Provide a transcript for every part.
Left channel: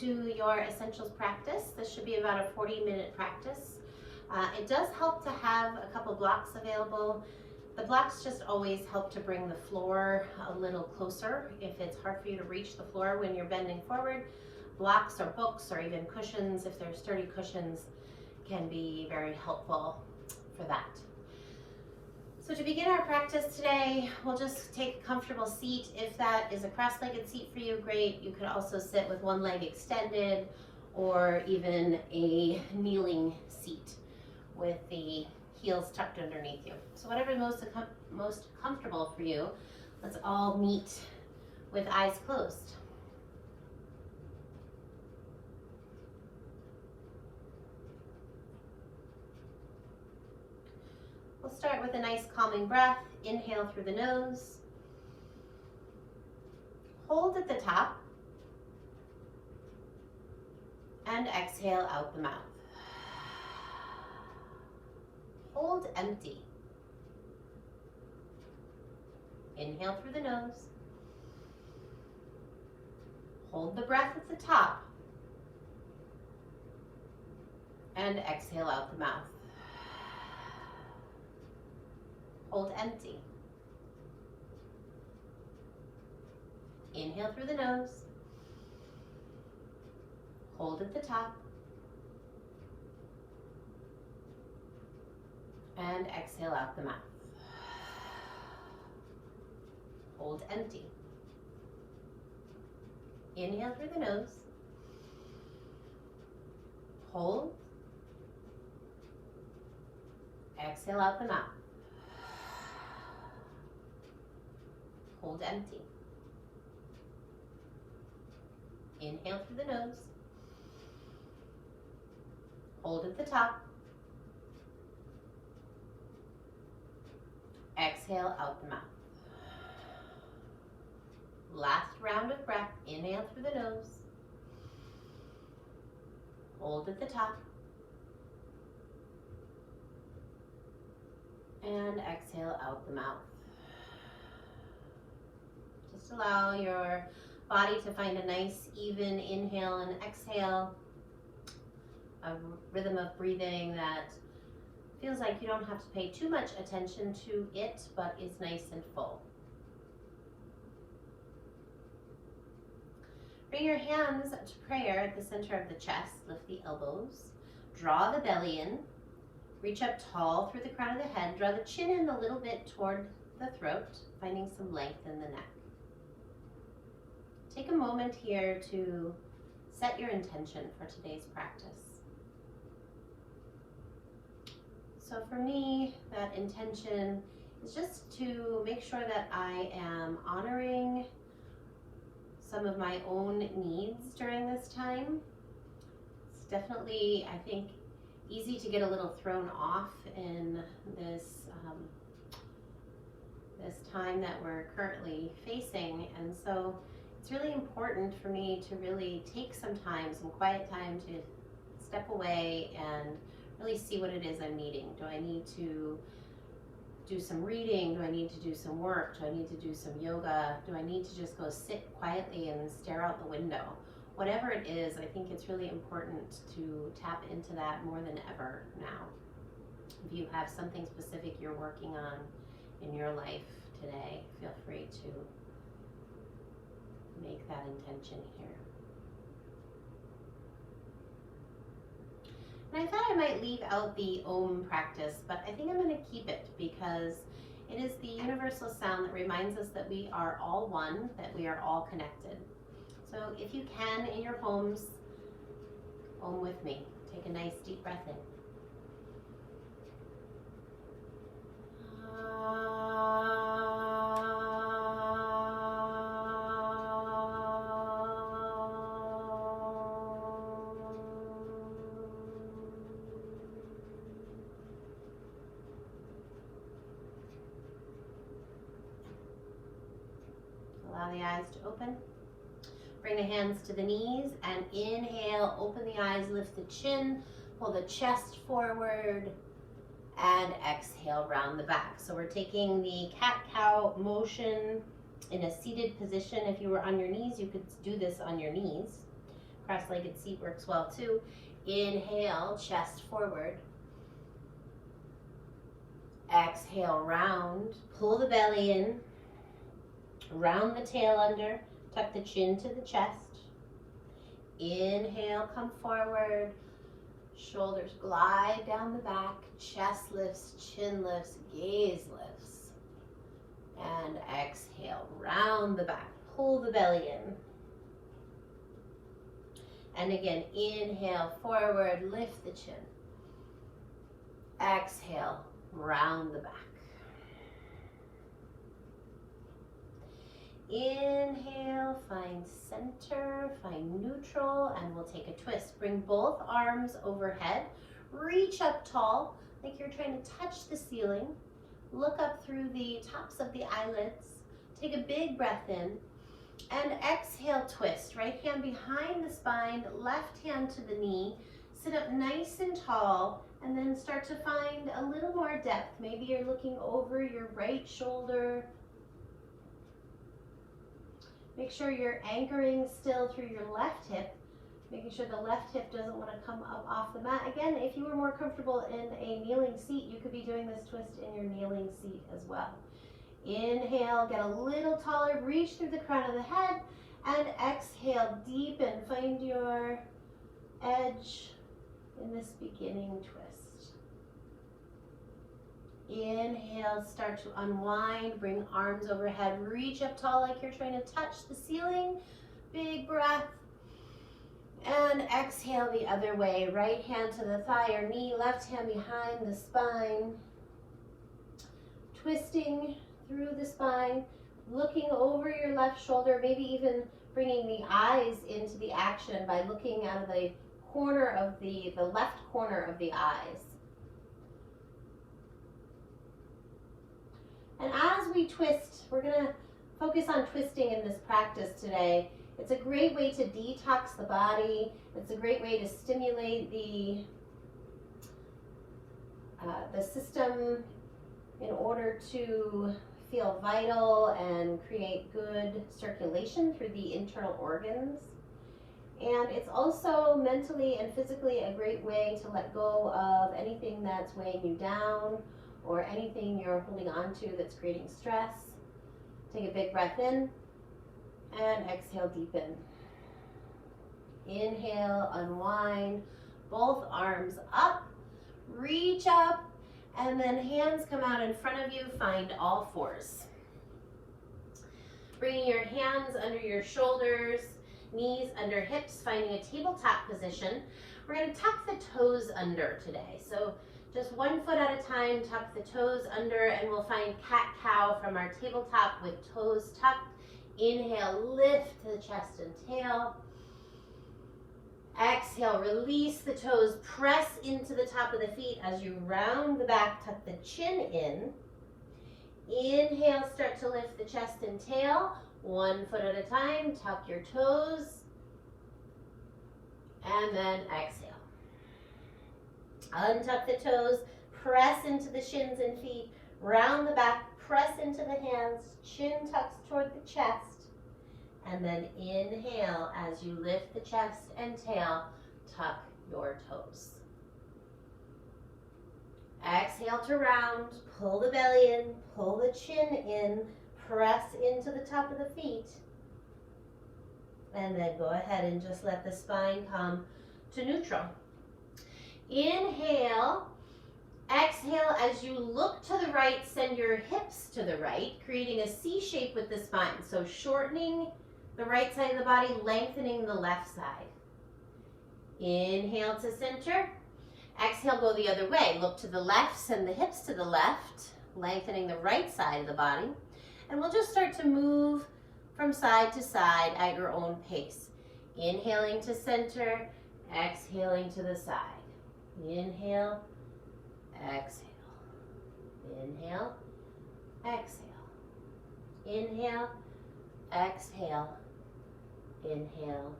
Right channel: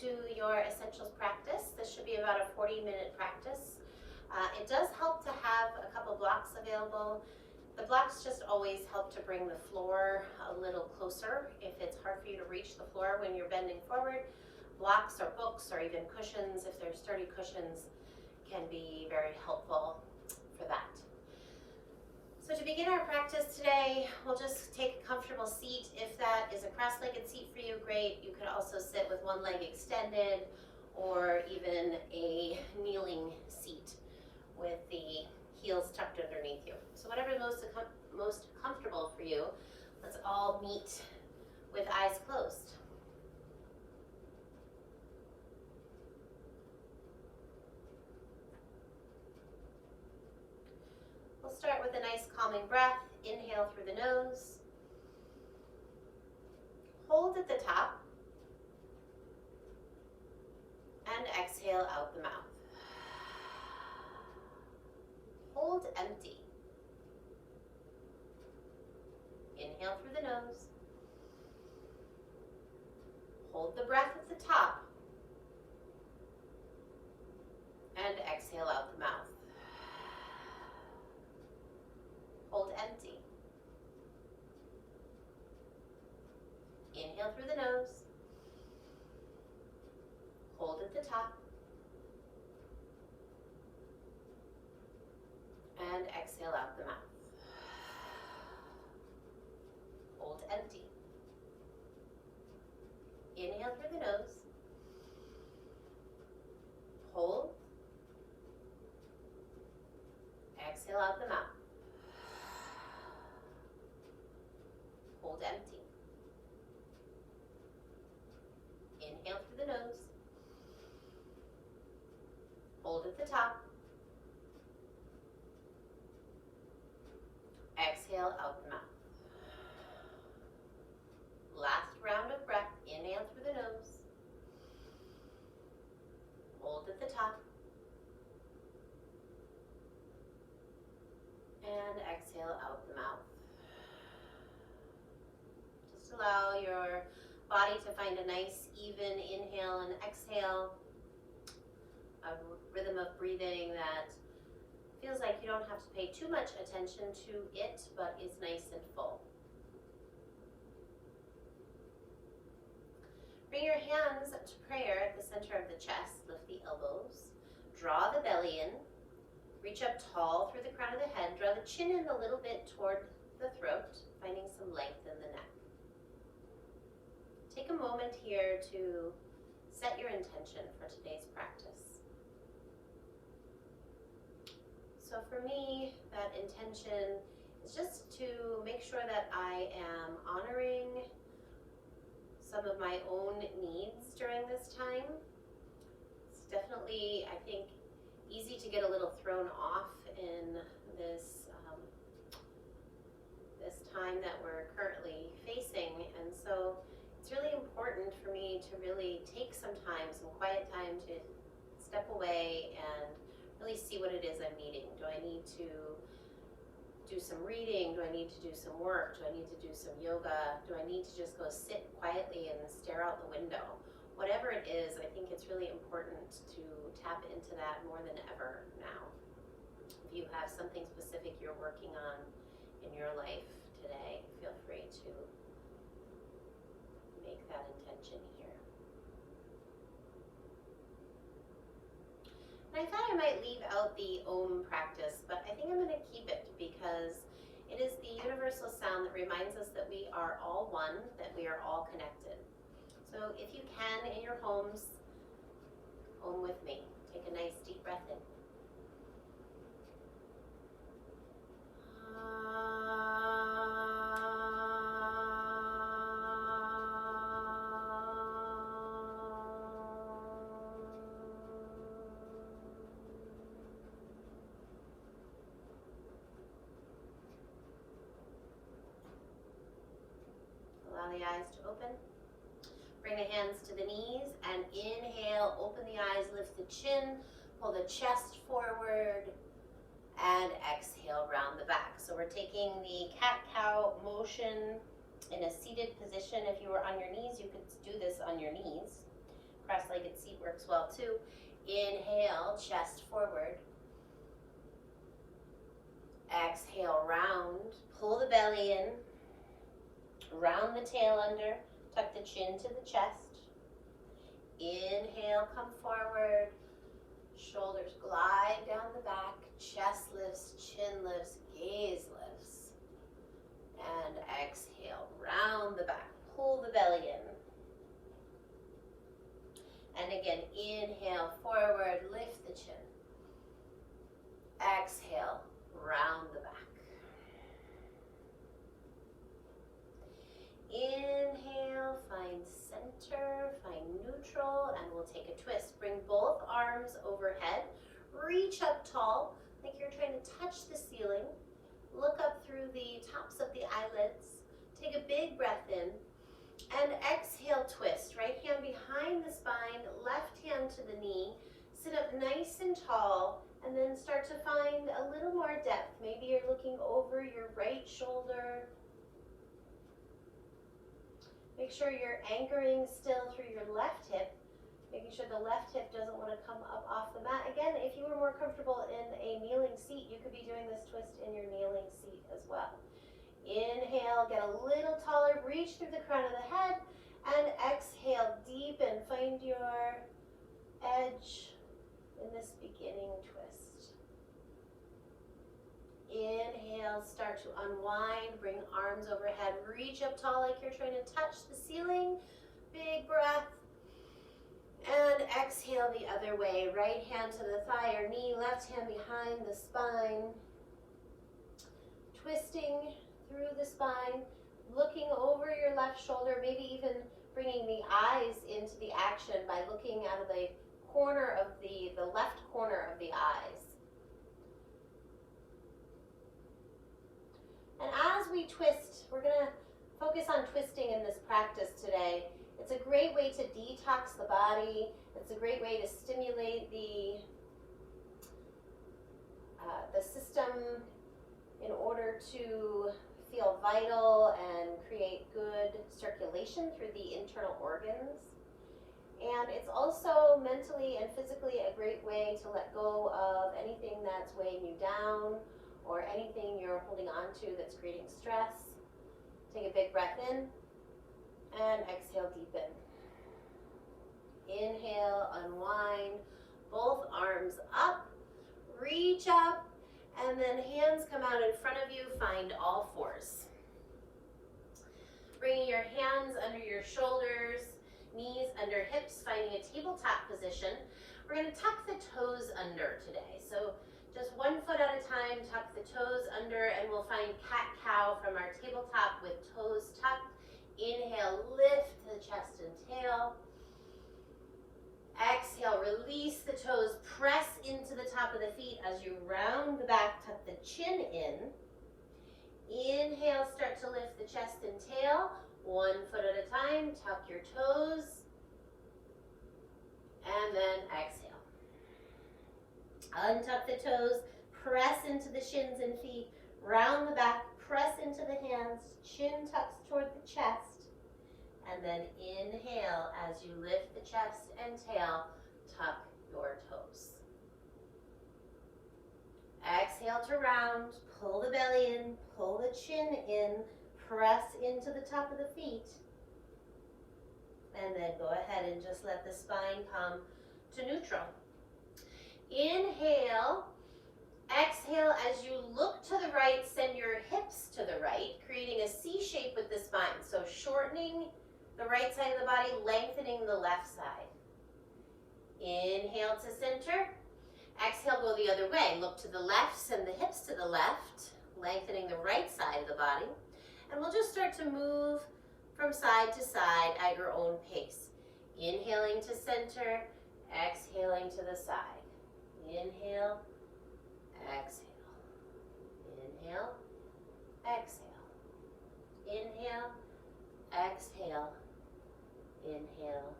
to your essentials practice. This should be about a 40-minute practice. It does help to have a couple blocks available. The blocks just always help to bring the floor a little closer. If it's hard for you to reach the floor when you're bending forward, blocks or books or even cushions, if they're sturdy cushions, can be very helpful for that. So to begin our practice today, we'll just take a comfortable seat. If that is a cross-legged seat for you, great. You could also sit with one leg extended or even a kneeling seat with the heels tucked underneath you. So whatever is most comfortable for you, let's all meet with eyes closed. We'll start with a nice calming breath. Inhale through the nose. Hold at the top. And exhale out the mouth. Hold empty. Inhale through the nose. Hold the breath at the top. And exhale out the mouth. Hold empty. Inhale through the nose. Hold at the top. And exhale out the mouth. Hold empty. Inhale through the nose. Hold. Exhale out the mouth. Hold empty. Inhale through the nose. Hold at the top. Exhale out the mouth. Last round of breath. Inhale through the nose. Hold at the top. And exhale out the mouth. Just allow your body to find a nice even inhale and exhale, a rhythm of breathing that feels like you don't have to pay too much attention to it, but is nice and full. Bring your hands to prayer at the center of the chest. Lift the elbows. Draw the belly in. Reach up tall through the crown of the head. Draw the chin in a little bit toward the throat, finding some length in the neck. Take a moment here to set your intention for today's practice. So for me, that intention is just to make sure that I am honoring some of my own needs during this time. It's definitely, I think, easy to get a little thrown off in this this time that we're currently facing, and so it's really important for me to really take some time, some quiet time, to step away and really see what it is I'm needing. Do I need to do some reading? Do I need to do some work? Do I need to do some yoga? Do I need to just go sit quietly and stare out the window? Whatever it is, I think it's really important to tap into that more than ever now. If you have something specific you're working on in your life today, feel free to make that intention here. And I thought I might leave out the Om practice, but I think I'm going to keep it because it is the universal sound that reminds us that we are all one, that we are all connected. So if you can, in your homes, Om with me. Take a nice deep breath in. Allow the eyes to open. Bring the hands to the knees and inhale, open the eyes, lift the chin, pull the chest forward, and exhale, round the back. So we're taking the cat-cow motion in a seated position. If you were on your knees, you could do this on your knees. Cross-legged seat works well too. Inhale, chest forward. Exhale, round. Pull the belly in. Round the tail under. Tuck the chin to the chest. Inhale, come forward. Shoulders glide down the back. Chest lifts, chin lifts, gaze lifts. And exhale, round the back. Pull the belly in. And again, inhale, forward, lift the chin. Exhale, round the back. Inhale, find center, find neutral, and we'll take a twist. Bring both arms overhead. Reach up tall, like you're trying to touch the ceiling. Look up through the tops of the eyelids. Take a big breath in. And exhale, twist. Right hand behind the spine, left hand to the knee. Sit up nice and tall, and then start to find a little more depth. Maybe you're looking over your right shoulder. Make sure you're anchoring still through your left hip, making sure the left hip doesn't want to come up off the mat. Again, if you were more comfortable in a kneeling seat, you could be doing this twist in your kneeling seat as well. Inhale, get a little taller, reach through the crown of the head, and exhale, deepen. Find your edge in this beginning twist. Inhale, start to unwind, bring arms overhead, reach up tall like you're trying to touch the ceiling. Big breath. And exhale the other way. Right hand to the thigh or knee, left hand behind the spine. Twisting through the spine, looking over your left shoulder, maybe even bringing the eyes into the action by looking out of the corner of the left corner of the eyes. And as we twist, we're going to focus on twisting in this practice today. It's a great way to detox the body. It's a great way to stimulate the system in order to feel vital and create good circulation through the internal organs. And it's also mentally and physically a great way to let go of anything that's weighing you down or anything you're holding on to that's creating stress. Take a big breath in and exhale, deepen. Inhale, unwind, both arms up, reach up, and then hands come out in front of you, find all fours. Bringing your hands under your shoulders, knees under hips, finding a tabletop position. We're going to tuck the toes under today. So just 1 foot at a time, tuck the toes under, and we'll find cat-cow from our tabletop with toes tucked. Inhale, lift the chest and tail. Exhale, release the toes, press into the top of the feet as you round the back, tuck the chin in. Inhale, start to lift the chest and tail. 1 foot at a time, tuck your toes. And then exhale. Untuck the toes, press into the shins and feet, round the back, press into the hands, chin tucks toward the chest. And then inhale as you lift the chest and tail, tuck your toes. Exhale to round, pull the belly in, pull the chin in, press into the top of the feet. And then go ahead and just let the spine come to neutral. Inhale, exhale as you look to the right, send your hips to the right, creating a C shape with the spine. So shortening the right side of the body, lengthening the left side. Inhale to center. Exhale, go the other way. Look to the left, send the hips to the left, lengthening the right side of the body. And we'll just start to move from side to side at your own pace. Inhaling to center, exhaling to the side. Inhale, exhale. Inhale, exhale. Inhale, exhale. Inhale,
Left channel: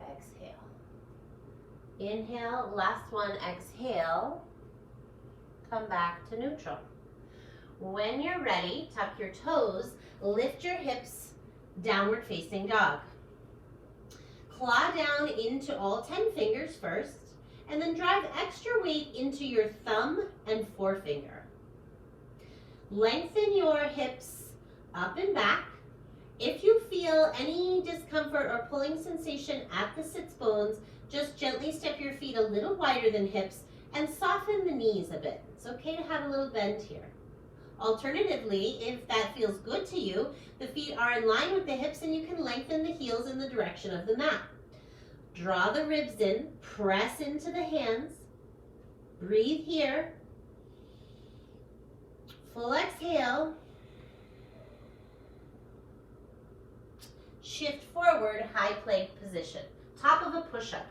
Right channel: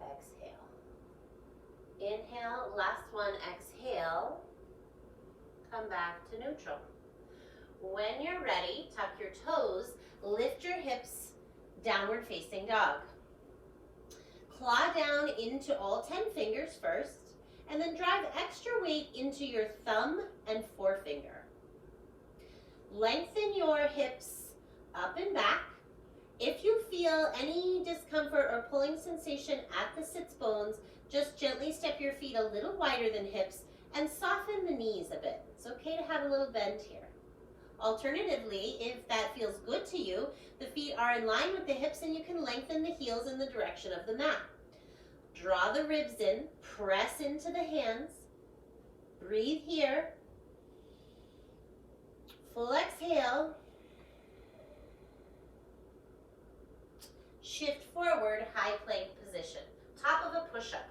exhale. Inhale, last one, exhale. Come back to neutral. When you're ready, tuck your toes, lift your hips, downward facing dog. claw down into all 10 fingers first, and then drive extra weight into your thumb and forefinger. Lengthen your hips up and back. If you feel any discomfort or pulling sensation at the sits bones, just gently step your feet a little wider than hips and soften the knees a bit. It's okay to have a little bend here. Alternatively, if that feels good to you, the feet are in line with the hips and you can lengthen the heels in the direction of the mat. Draw the ribs in, press into the hands, breathe here, full exhale, shift forward, high plank position, top of a push-up.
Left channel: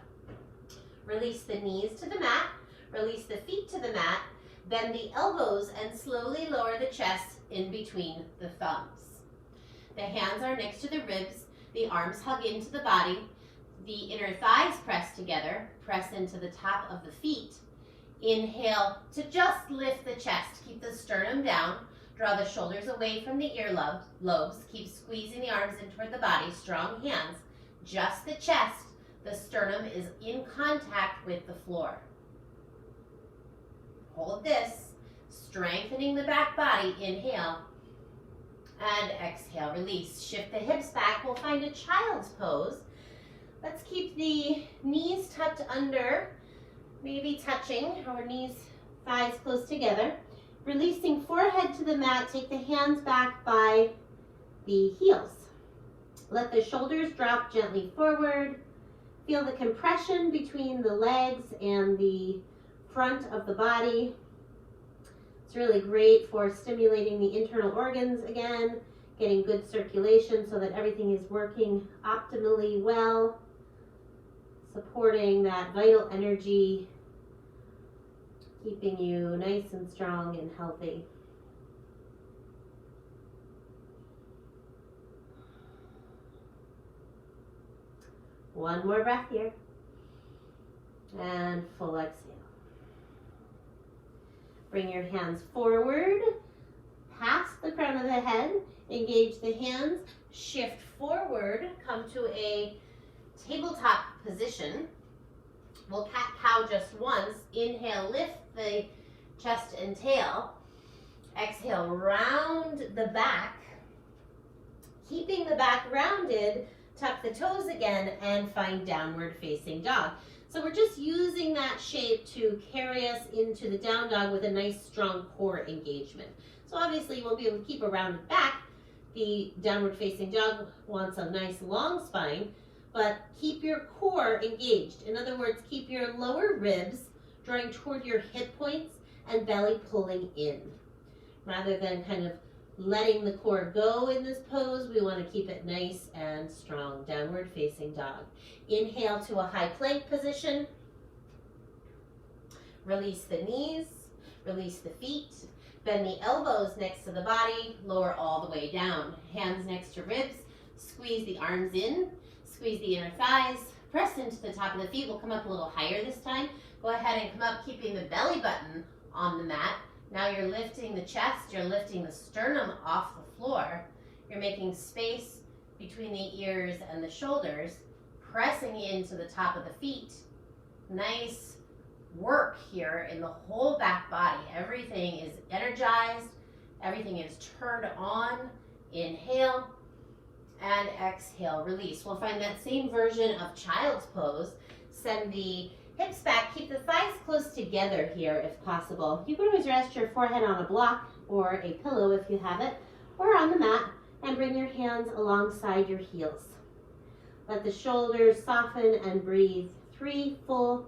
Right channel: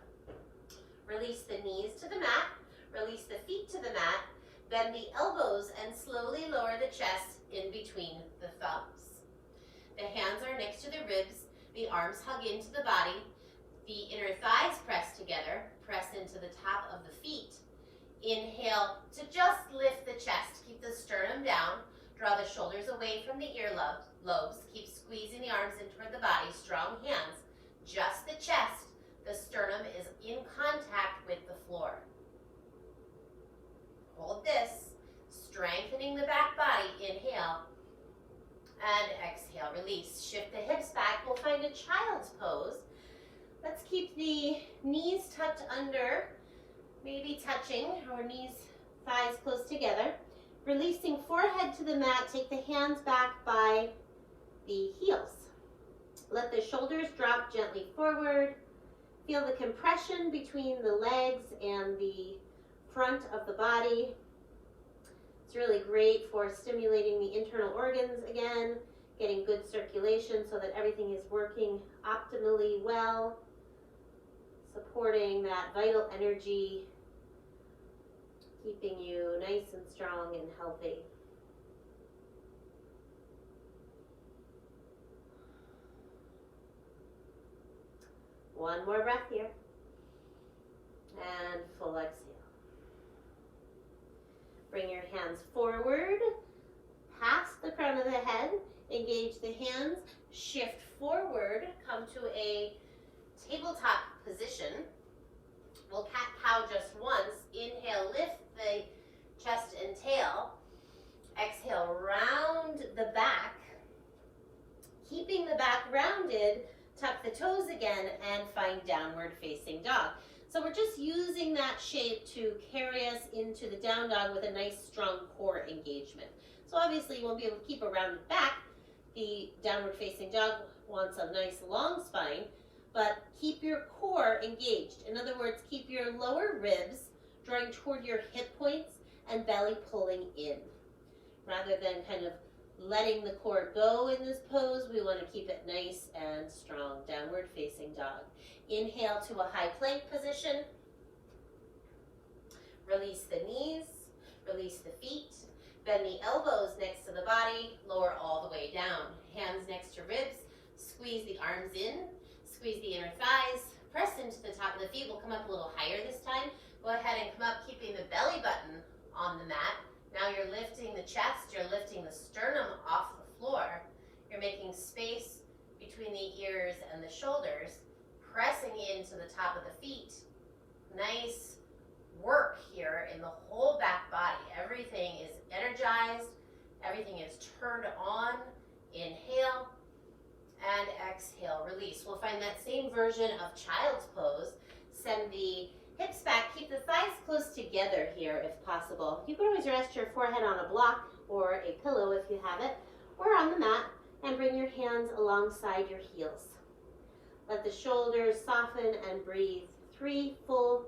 Release the knees to the mat, release the feet to the mat, bend the elbows and slowly lower the chest in between the thumbs. The hands are next to the ribs, the arms hug into the body, the inner thighs press together, press into the top of the feet. Inhale to just lift the chest, keep the sternum down, draw the shoulders away from the ear lobes, keep squeezing the arms in toward the body, strong hands, just the chest, the sternum is in contact with the floor. Hold this, strengthening the back body, inhale, and exhale, release. Shift the hips back, we'll find a child's pose. Let's keep the knees tucked under, maybe touching, our knees, thighs close together. Releasing forehead to the mat, take the hands back by the heels. Let the shoulders drop gently forward. Feel the compression between the legs and the front of the body. It's really great for stimulating the internal organs again, getting good circulation so that everything is working optimally well, supporting that vital energy, keeping you nice and strong and healthy. One more breath here. And full exhale. Bring your hands forward, past the crown of the head, engage the hands, shift forward, come to a tabletop position. We'll cat-cow just once. Inhale, lift the chest and tail. Exhale, round the back. Keeping the back rounded, tuck the toes again and find downward facing dog. So we're just using that shape to carry us into the down dog with a nice strong core engagement. So obviously you won't be able to keep a rounded back. The downward facing dog wants a nice long spine, but keep your core engaged. In other words, keep your lower ribs drawing toward your hip points and belly pulling in. Rather than kind of letting the core go in this pose, we want to keep it nice and strong. Downward facing dog. Inhale to a high plank position. Release the knees, release the feet. Bend the elbows next to the body, lower all the way down. Hands next to ribs, squeeze the arms in, squeeze the inner thighs, press into the top of the feet. We'll come up a little higher this time. Go ahead and come up, keeping the belly button on the mat. Now you're lifting the chest, you're lifting the sternum off the floor. You're making space between the ears and the shoulders, pressing into the top of the feet. Nice work here in the whole back body. Everything is energized, everything is turned on. Inhale and exhale, release. We'll find that same version of child's pose. Send the hips back, keep the thighs close together here if possible. You can always rest your forehead on a block or a pillow if you have it, or on the mat, and bring your hands alongside your heels. Let the shoulders soften and breathe 3 full,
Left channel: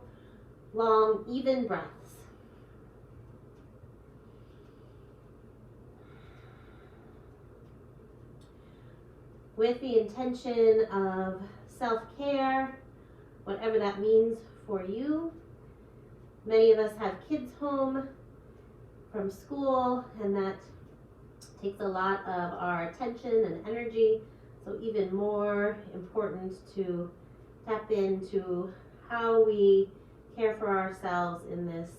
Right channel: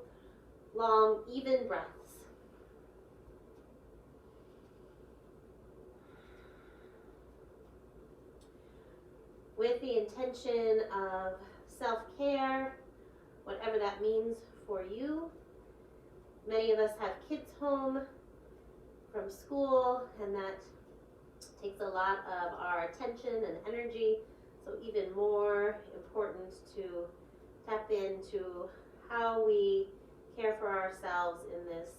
long, even breaths. With the intention of self-care, whatever that means for you. Many of us have kids home from school, and that takes a lot of our attention and energy. So even more important to tap into how we care for ourselves in this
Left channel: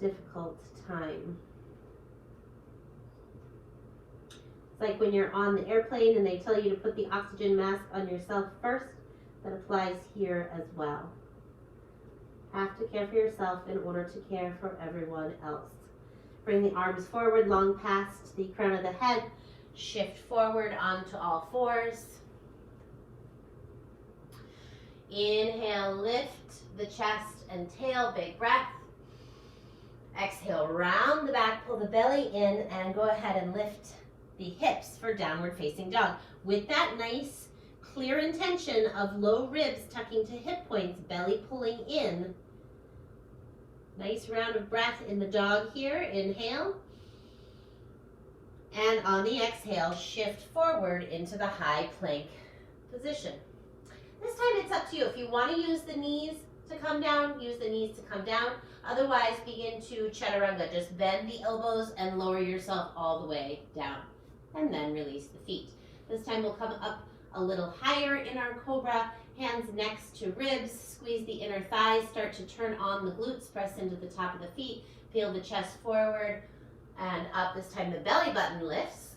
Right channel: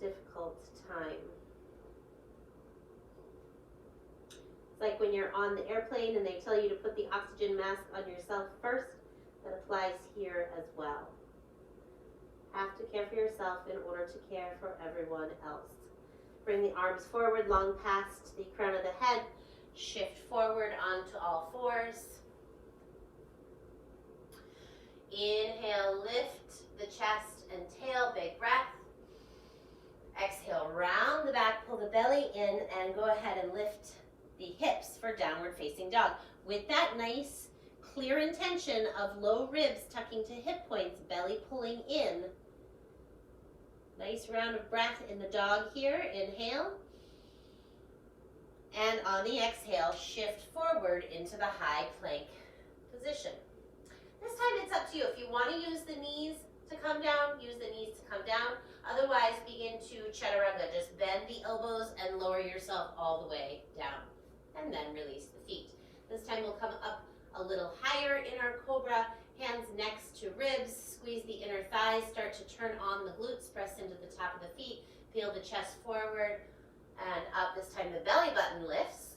difficult time. It's like when you're on the airplane and they tell you to put the oxygen mask on yourself first. that applies here as well. Have to care for yourself in order to care for everyone else. Bring the arms forward, long past the crown of the head. Shift forward onto all fours. Inhale, lift the chest and tail, big breath. Exhale, round the back, pull the belly in, and go ahead and lift the hips for downward facing dog. With that nice, clear intention of low ribs tucking to hip points, belly pulling in. Nice round of breath in the dog here. Inhale. And on the exhale, shift forward into the high plank position. This time it's up to you. If you want to use the knees to come down, use the knees to come down. Otherwise, begin to chaturanga. Just bend the elbows and lower yourself all the way down. And then release the feet. This time we'll come up a little higher in our cobra. Hands next to ribs. Squeeze the inner thighs. Start to turn on the glutes. Press into the top of the feet. Peel the chest forward and up. This time the belly button lifts.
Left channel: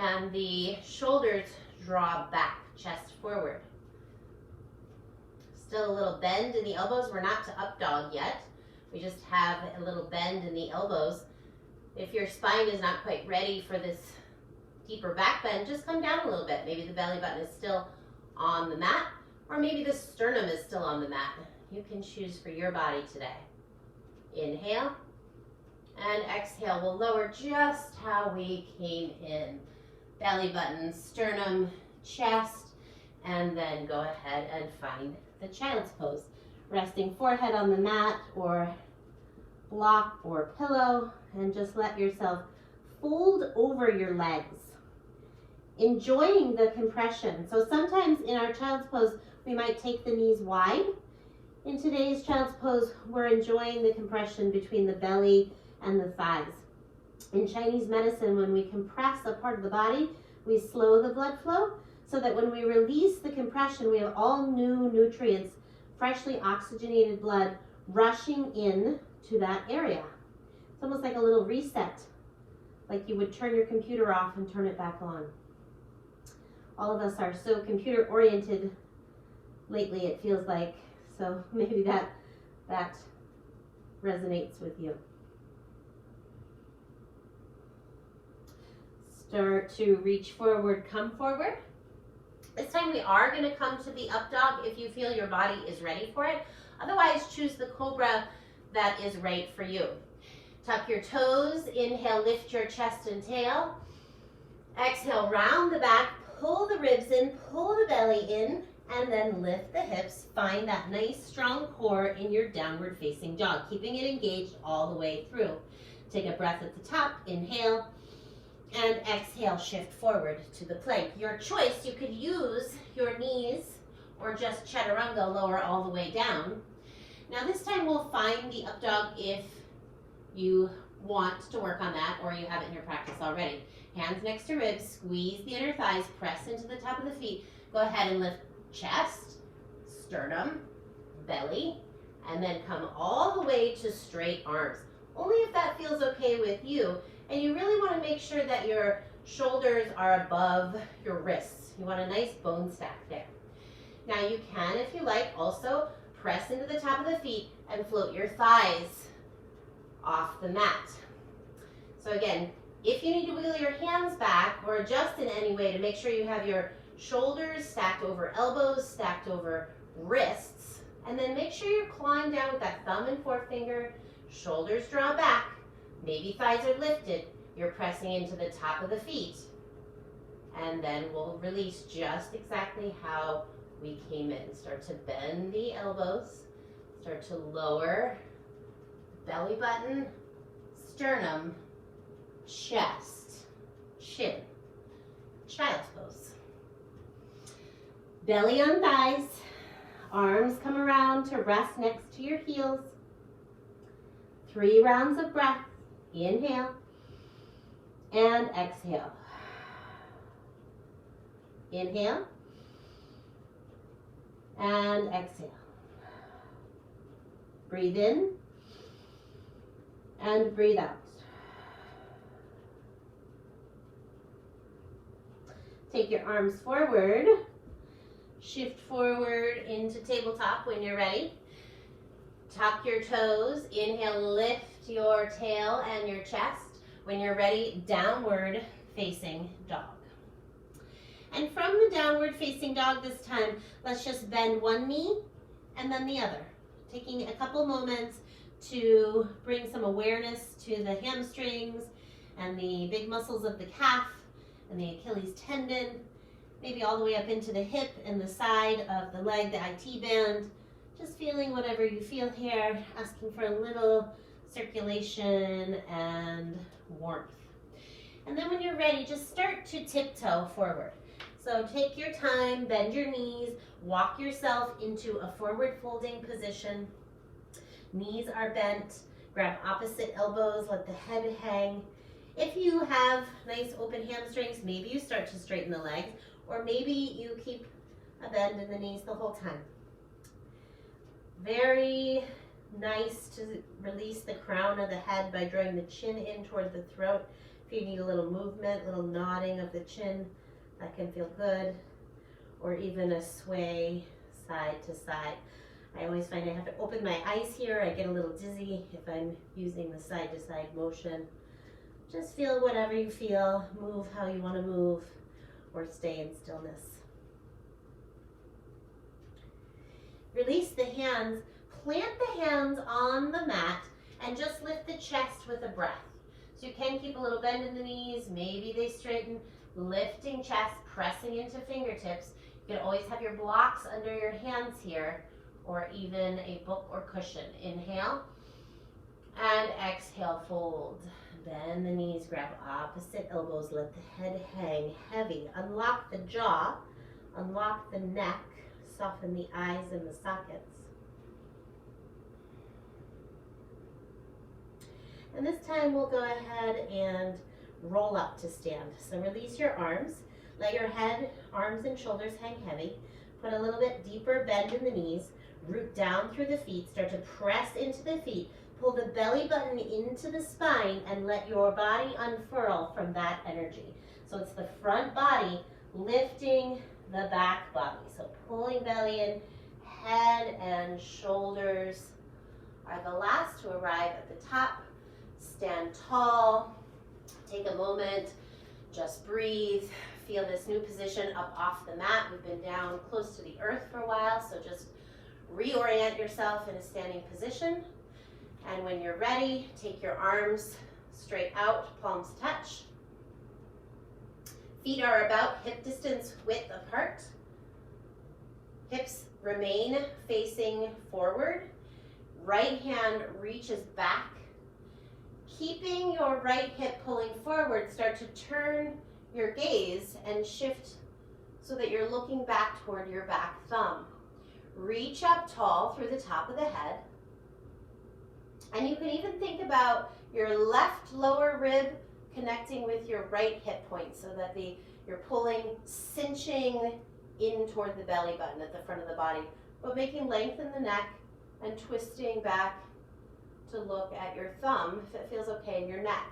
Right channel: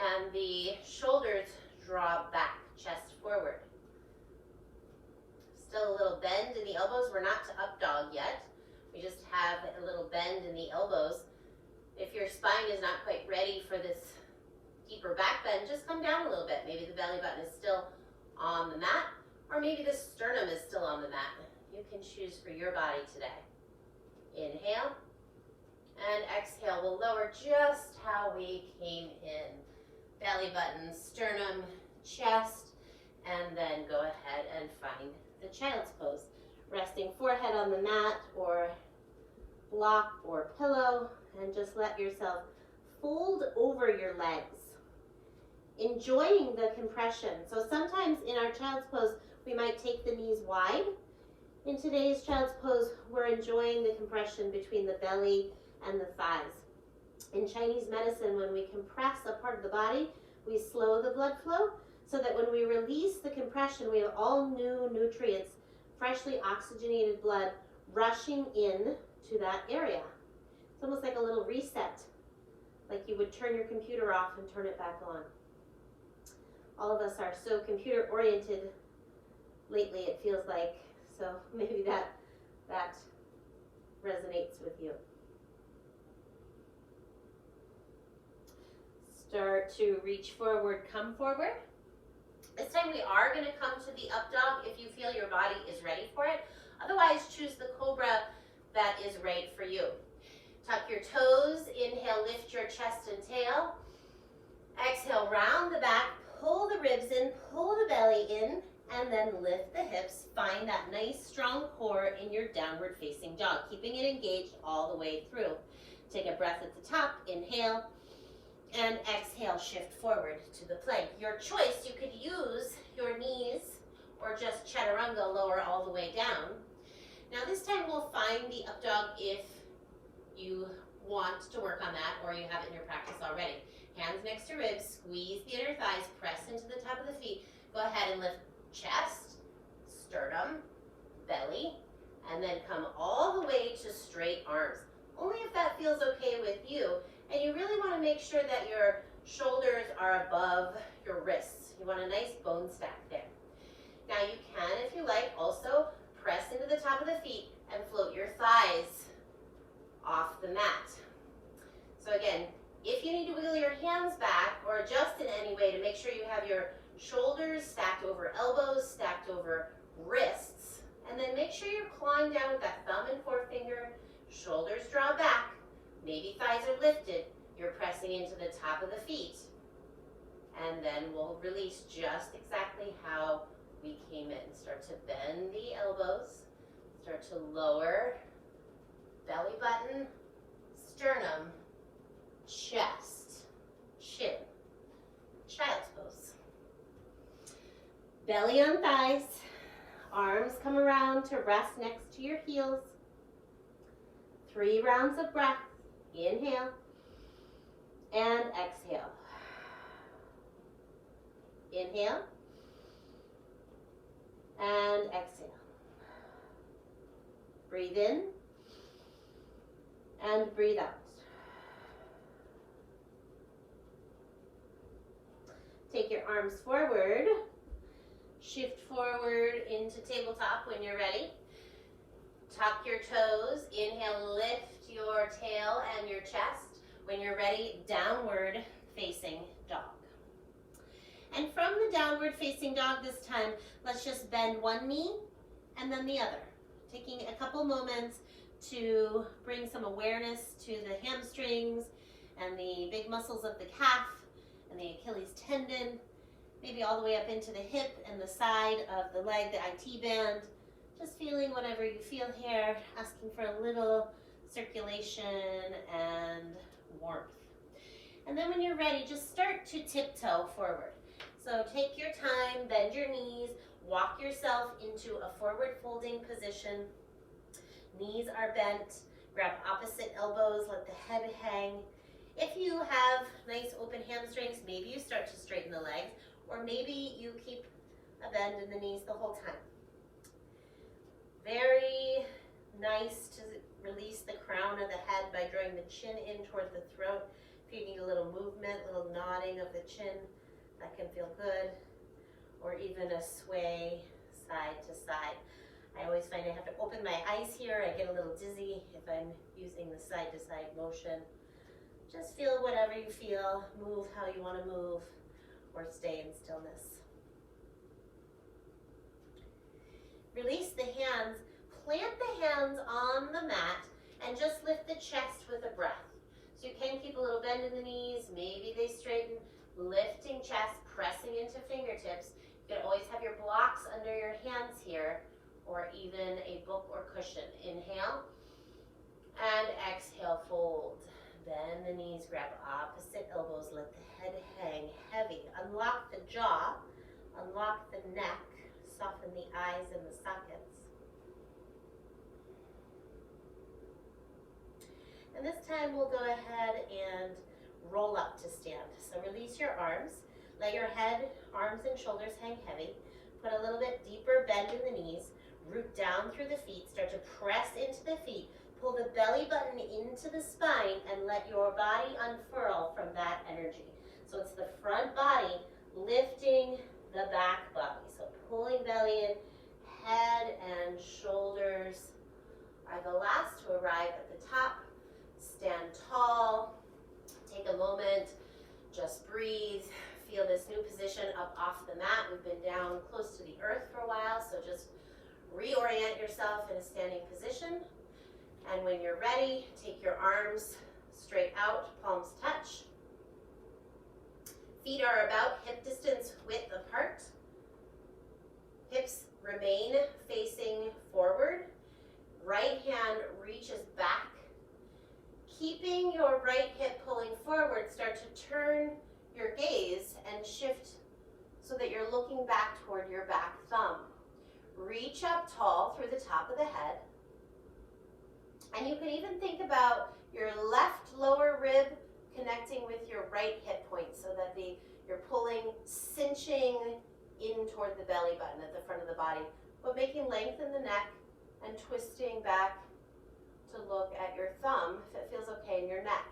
And the shoulders draw back. Chest forward. Still a little bend in the elbows. We're not to up dog yet. We just have a little bend in the elbows. If your spine is not quite ready for this deeper back bend, just come down a little bit. Maybe the belly button is still on the mat, or maybe the sternum is still on the mat. You can choose for your body today. Inhale, and exhale. We'll lower just how we came in. Belly button, sternum, chest, and then go ahead and find the child's pose. Resting forehead on the mat or block or pillow, and just let yourself fold over your legs. Enjoying the compression. So sometimes in our child's pose, we might take the knees wide. In today's child's pose, we're enjoying the compression between the belly and the thighs. In Chinese medicine, when we compress a part of the body, we slow the blood flow so that when we release the compression, we have all new nutrients, freshly oxygenated blood rushing in to that area. It's almost like a little reset, like you would turn your computer off and turn it back on. All of us are so computer oriented lately, it feels like, so maybe that resonates with you. Start to reach forward, come forward. This time we are going to come to the up dog if you feel your body is ready for it. Otherwise, choose the cobra that is right for you. Tuck your toes. Inhale, lift your chest and tail. Exhale, round the back, pull the ribs in, pull the belly in, and then lift the hips. Find that nice strong core in your downward facing dog, keeping it engaged all the way through. Take a breath at the top. Inhale. And exhale, shift forward to the plank. Your choice, you could use your knees or just chaturanga, lower all the way down. Now this time we'll find the up dog if you want to work on that or you have it in your practice already. Hands next to ribs, squeeze the inner thighs, press into the top of the feet. Go ahead and lift chest, sternum, belly, and then come all the way to straight arms. Only if that feels okay with you. And you really want to make sure that your shoulders are above your wrists. You want a nice bone stack there. Now you can, if you like, also press into the top of the feet and float your thighs off the mat. So again, if you need to wiggle your hands back or adjust in any way to make sure you have your shoulders stacked over elbows, stacked over wrists, and then make sure you're clawing down with that thumb and forefinger, shoulders draw back, maybe thighs are lifted, you're pressing into the top of the feet, and then we'll release just exactly how we came in. Start to bend the elbows, start to lower belly button, sternum, chest, chin, child's pose. Belly on thighs, arms come around to rest next to your heels. 3 rounds of breath. Inhale and exhale. Inhale and exhale. Breathe in and breathe out. Take your arms forward Shift forward into tabletop when you're ready. Tuck your toes. Inhale, lift your tail and your chest. When you're ready, downward facing dog. And from the downward facing dog this time, let's just bend one knee and then the other. Taking a couple moments to bring some awareness to the hamstrings and the big muscles of the calf and the Achilles tendon, maybe all the way up into the hip and the side of the leg, the IT band. Just feeling whatever you feel here, asking for a little circulation and warmth. And then when you're ready, just start to tiptoe forward. So take your time, bend your knees, walk yourself into a forward folding position. Knees are bent, grab opposite elbows, let the head hang. If you have nice open hamstrings, maybe you start to straighten the legs, or maybe you keep a bend in the knees the whole time. Very nice to release the crown of the head by drawing the chin in toward the throat. If you need a little movement, little nodding of the chin, that can feel good. Or even a sway side to side. I always find I have to open my eyes here. I get a little dizzy if I'm using the side to side motion. Just feel whatever you feel. Move how you want to move, or stay in stillness. Release the hands, plant the hands on the mat, and just lift the chest with a breath. So you can keep a little bend in the knees, maybe they straighten, lifting chest, pressing into fingertips. You can always have your blocks under your hands here, or even a book or cushion. Inhale, and exhale, fold. Bend the knees, grab opposite elbows, let the head hang heavy. Unlock the jaw, unlock the neck, soften the eyes and the sockets. And this time we'll go ahead and roll up to stand. So release your arms, let your head, arms and shoulders hang heavy. Put a little bit deeper bend in the knees, root down through the feet, start to press into the feet. Pull the belly button into the spine and let your body unfurl from that energy. So it's the front body lifting the back body. So pulling belly in, head and shoulders are the last to arrive at the top. Stand tall, take a moment, just breathe. Feel this new position up off the mat. We've been down close to the earth for a while, so just reorient yourself in a standing position. And when you're ready, take your arms straight out, palms touch. Feet are about hip distance width apart. Hips remain facing forward. Right hand reaches back. Keeping your right hip pulling forward, start to turn your gaze and shift so that you're looking back toward your back thumb. Reach up tall through the top of the head. And you can even think about your left lower rib connecting with your right hip point so that you're pulling, cinching in toward the belly button at the front of the body, but making length in the neck and twisting back to look at your thumb if it feels okay in your neck.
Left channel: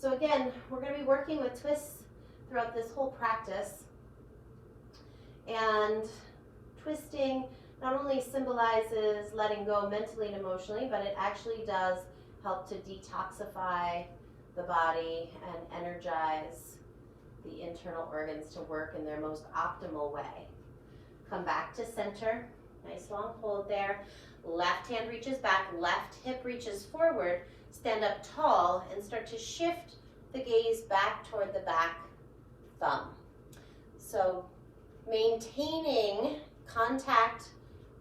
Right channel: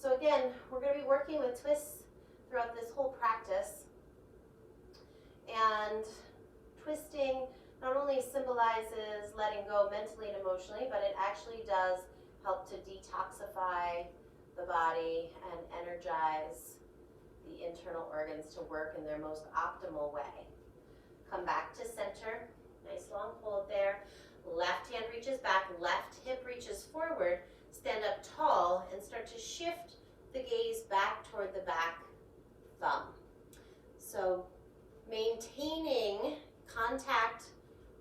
So again, we're going to be working with twists throughout this whole practice. And twisting not only symbolizes letting go mentally and emotionally, but it actually does help to detoxify the body and energize the internal organs to work in their most optimal way. Come back to center. Nice long hold there. Left hand reaches back, left hip reaches forward. Stand up tall and start to shift the gaze back toward the back thumb. So maintaining contact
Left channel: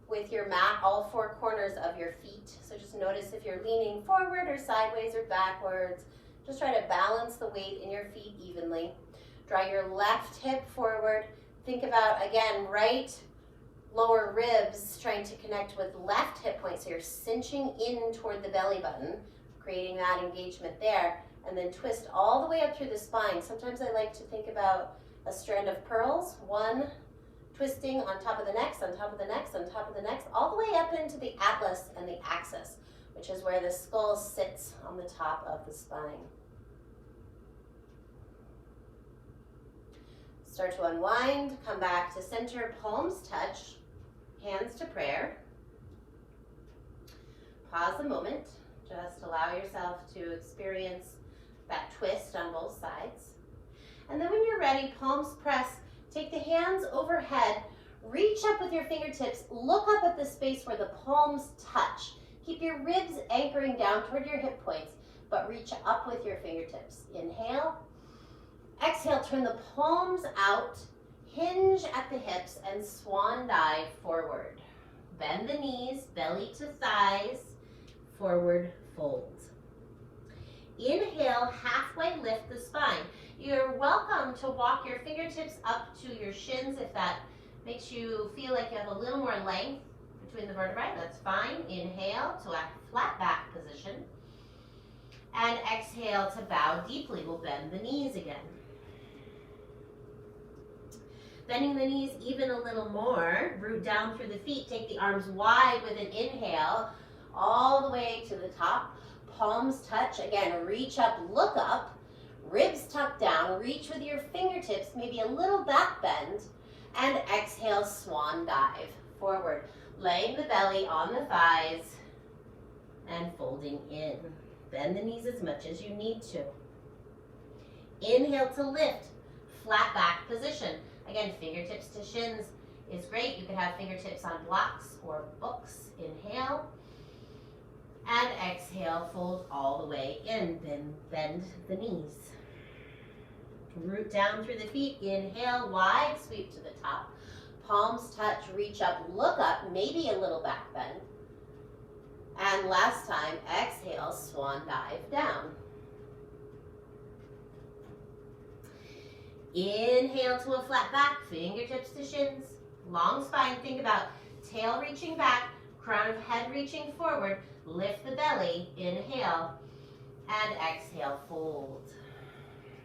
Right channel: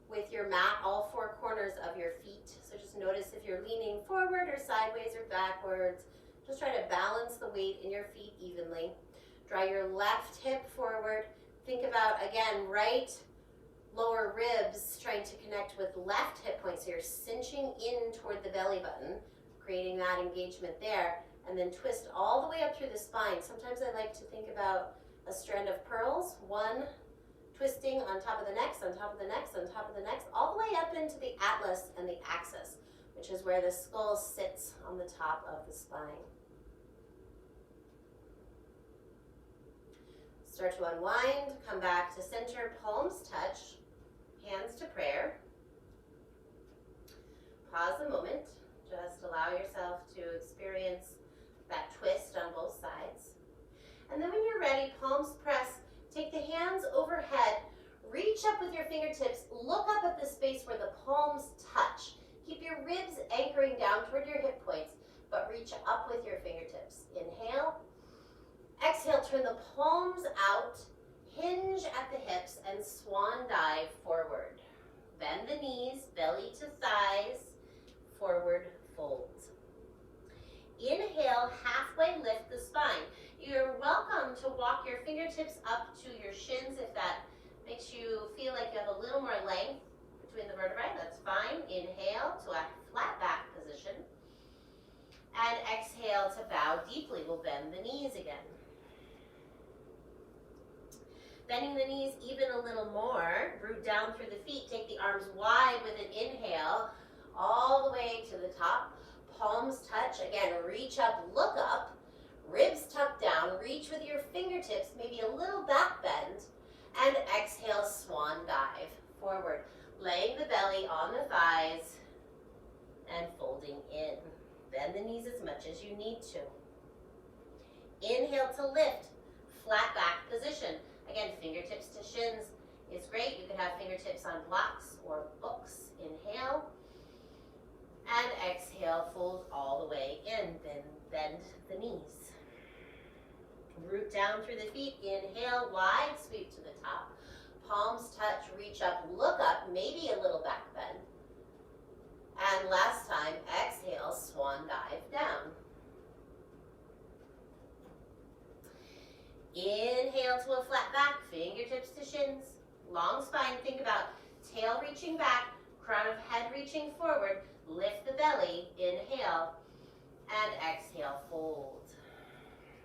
with your mat, all four corners of your feet. So just notice if you're leaning forward or sideways or backwards. Just try to balance the weight in your feet evenly. Draw your left hip forward. Think about, again, right lower ribs trying to connect with left hip point. So you're cinching in toward the belly button, creating that engagement there. And then twist all the way up through the spine. Sometimes I like to think about a strand of pearls. One twisting on top of the next, on top of the next, on top of the next, all the way up into the atlas and the axis, which is where the skull sits on the top of the spine. Start to unwind, come back to center, palms touch, hands to prayer. Pause a moment, just allow yourself to experience that twist on both sides. And then when you're ready, palms press, take the hands overhead, reach up with your fingertips, look up at the space where the palms touch. Keep your ribs anchoring down toward your hip points, but reach up with your fingertips. Inhale. Exhale, turn the palms out, hinge at the hips, and swan dive forward. Bend the knees, belly to thighs, forward fold. Inhale, halfway lift the spine. You're welcome to walk your fingertips up to your shins if that makes you feel like you have a little more length between the vertebrae. That's fine. Inhale to a flat back position. And exhale to bow deeply. We'll bend the knees again. Bending the knees even a little more. Root down through the feet. Take the arms wide with an inhale all the way to the top. Palms touch. Again, reach up, look up. Ribs tuck down. Reach with your fingertips, maybe a little back bend. And exhale, swan dive forward. Laying the belly on the thighs and folding in. Bend the knees as much as you need to. Inhale to lift, flat back position. Again, fingertips to shins is great. You could have fingertips on blocks or books. Inhale. And exhale, fold all the way in. Then bend the knees. Root down through the feet. Inhale, wide sweep to the top. Palms touch, reach up, look up, maybe a little back bend. And last time, exhale, swan dive down. Inhale to a flat back, fingertips to shins. Long spine, think about tail reaching back, crown of head reaching forward. Lift the belly, inhale, and exhale, fold.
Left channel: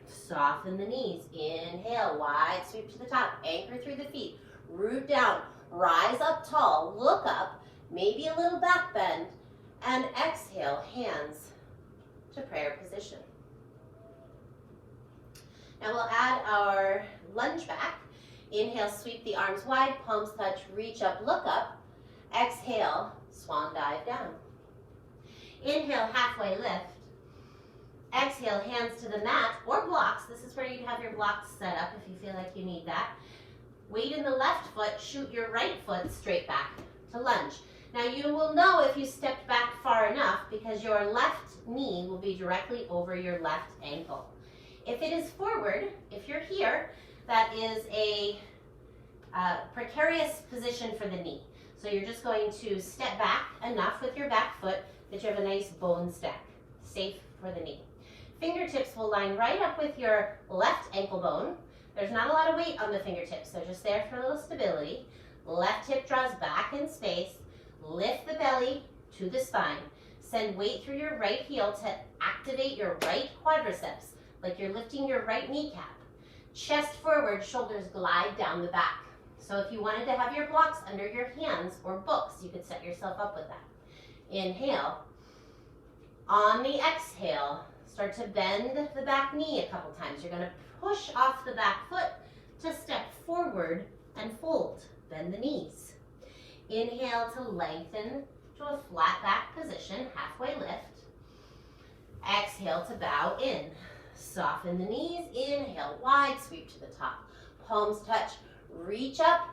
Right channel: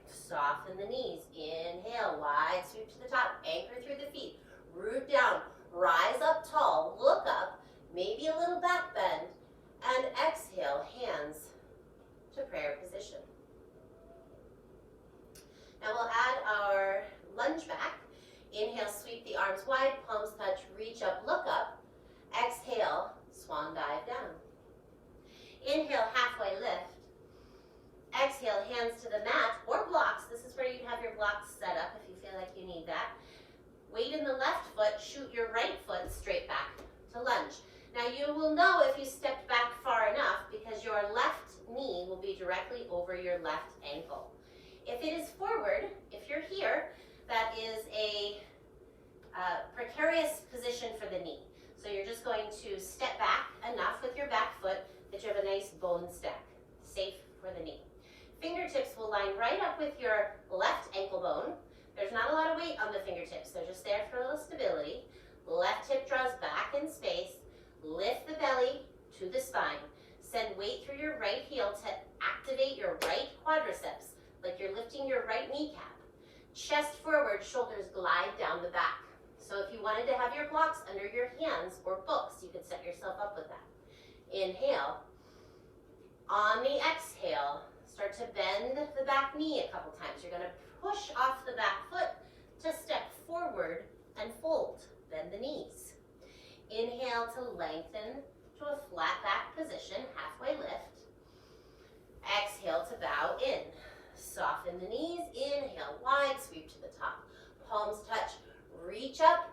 Soften the knees, inhale, wide sweep to the top, anchor through the feet. Root down, rise up tall, look up, maybe a little back bend, and exhale, hands to prayer position. Now we'll add our lunge back. Inhale, sweep the arms wide, palms touch, reach up, look up. Exhale, swan dive down. Inhale, halfway lift. Exhale, hands to the mat or blocks. This is where you have your blocks set up if you feel like you need that. Weight in the left foot, shoot your right foot straight back to lunge. Now you will know if you stepped back far enough because your left knee will be directly over your left ankle. If it is forward, if you're here, that is a precarious position for the knee. So you're just going to step back enough with your back foot that you have a nice bone stack, safe for the knee. Fingertips will line right up with your left ankle bone. There's not a lot of weight on the fingertips. They're just there for a little stability. Left hip draws back in space. Lift the belly to the spine. Send weight through your right heel to activate your right quadriceps, like you're lifting your right kneecap. Chest forward, shoulders glide down the back. So if you wanted to have your blocks under your hands or books, you could set yourself up with that. Inhale. On the exhale, start to bend the back knee a couple times. You're going to push off the back foot to step forward and fold. Bend the knees. Inhale to lengthen to a flat back position, halfway lift. Exhale to bow in. Soften the knees. Inhale, wide sweep to the top. Palms touch. Reach up,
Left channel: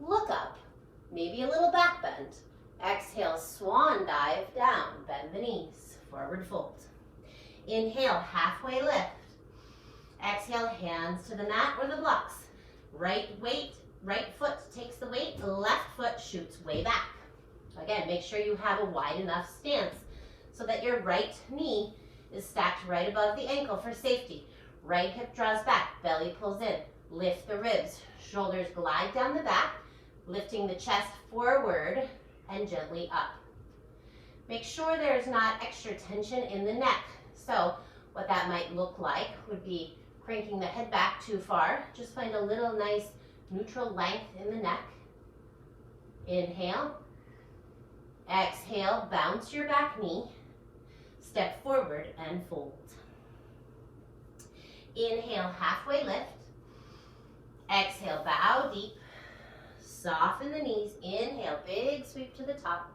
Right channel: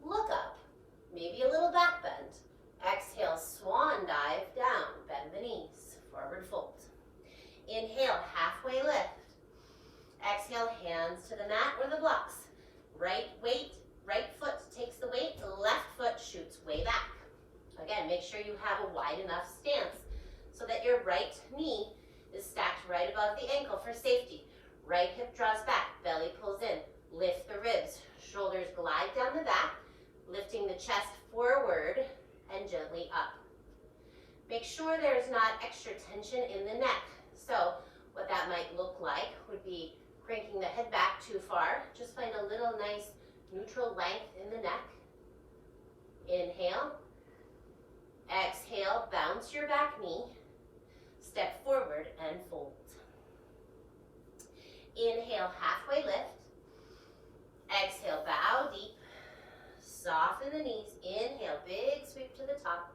look up. Maybe a little back bend. Exhale, swan dive down. Bend the knees. Forward fold. Inhale, halfway lift. Exhale, hands to the mat or the blocks. Right weight, right foot takes the weight, left foot shoots way back. Again, make sure you have a wide enough stance so that your right knee is stacked right above the ankle for safety. Right hip draws back, belly pulls in. Lift the ribs, shoulders glide down the back, lifting the chest forward and gently up. Make sure there's not extra tension in the neck. So what that might look like would be cranking the head back too far. Just find a little nice neutral length in the neck. Inhale. Exhale, bounce your back knee. Step forward and fold. Inhale, halfway lift. Exhale, bow deep. Soften the knees. Inhale, big sweep to the top.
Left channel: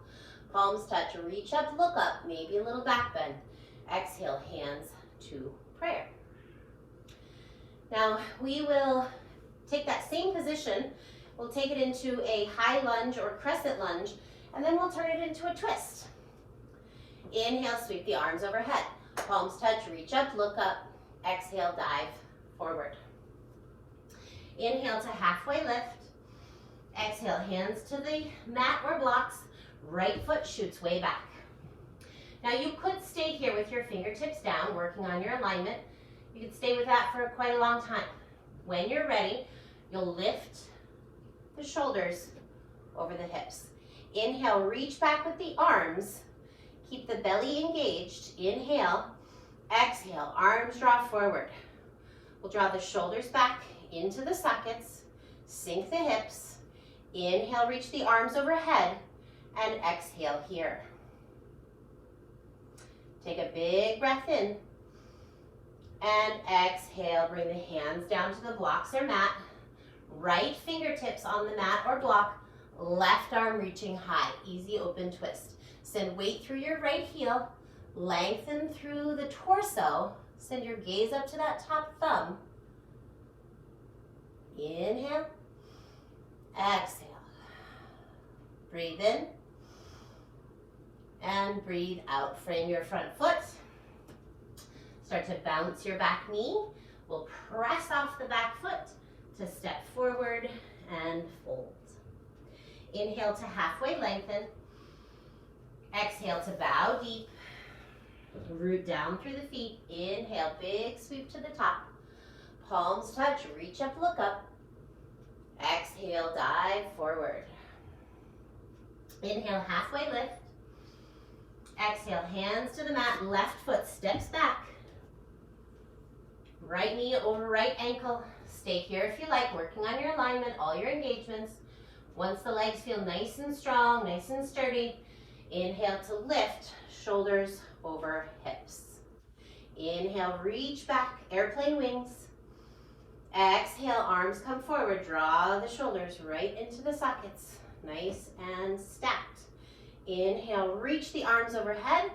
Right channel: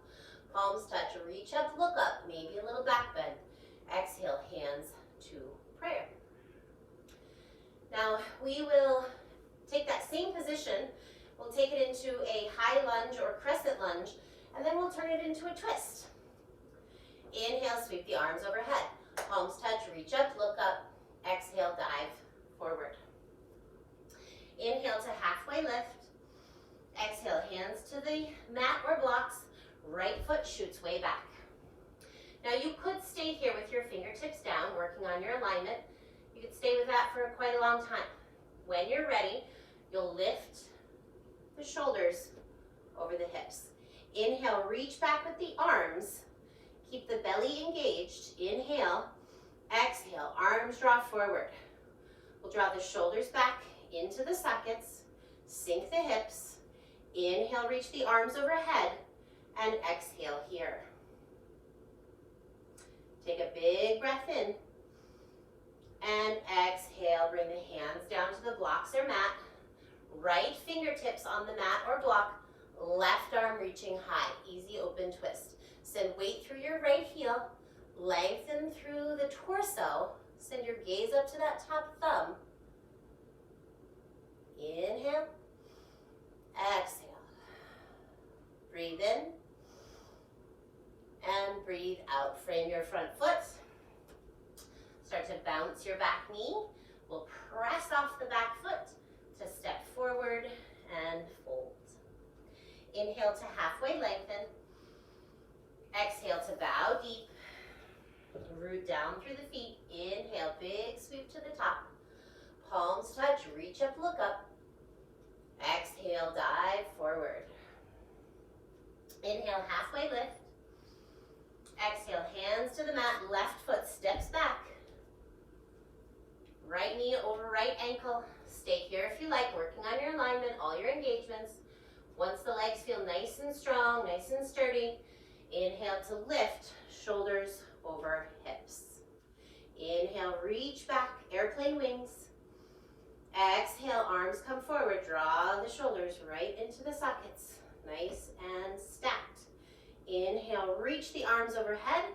Palms touch, reach up, look up, maybe a little back bend. Exhale, hands to prayer. Now we will take that same position, we'll take it into a high lunge or crescent lunge, and then we'll turn it into a twist. Inhale, sweep the arms overhead. Palms touch, reach up, look up. Exhale, dive forward. Inhale to halfway lift. Exhale, hands to the mat or blocks. Right foot shoots way back. Now you could stay here with your fingertips down, working on your alignment. You could stay with that for quite a long time. When you're ready, you'll lift the shoulders over the hips. Inhale, reach back with the arms. Keep the belly engaged. Inhale, exhale, arms draw forward. We'll draw the shoulders back into the sockets, sink the hips. Inhale, reach the arms overhead, and exhale here. Take a big breath in, and exhale, bring the hands down to the blocks or mat. Right fingertips on the mat or block, left arm reaching high, easy open twist. Send weight through your right heel, lengthen through the torso, send your gaze up to that top thumb. Inhale, exhale. Breathe in and breathe out. Frame your front foot. Start to bounce your back knee. We'll press off the back foot to step forward and fold. Inhale to halfway lengthen. Exhale to bow deep. Root down through the feet. Inhale, big sweep to the top. Palms touch, reach up, look up. Exhale, dive forward. Inhale, halfway lift. Exhale, hands to the mat, left foot steps back. Right knee over right ankle. Stay here if you like, working on your alignment, all your engagements. Once the legs feel nice and strong, nice and sturdy, inhale to lift, shoulders over hips. Inhale, reach back, airplane wings. Exhale, arms come forward, draw the shoulders right into the sockets, nice and stacked. Inhale, reach the arms overhead,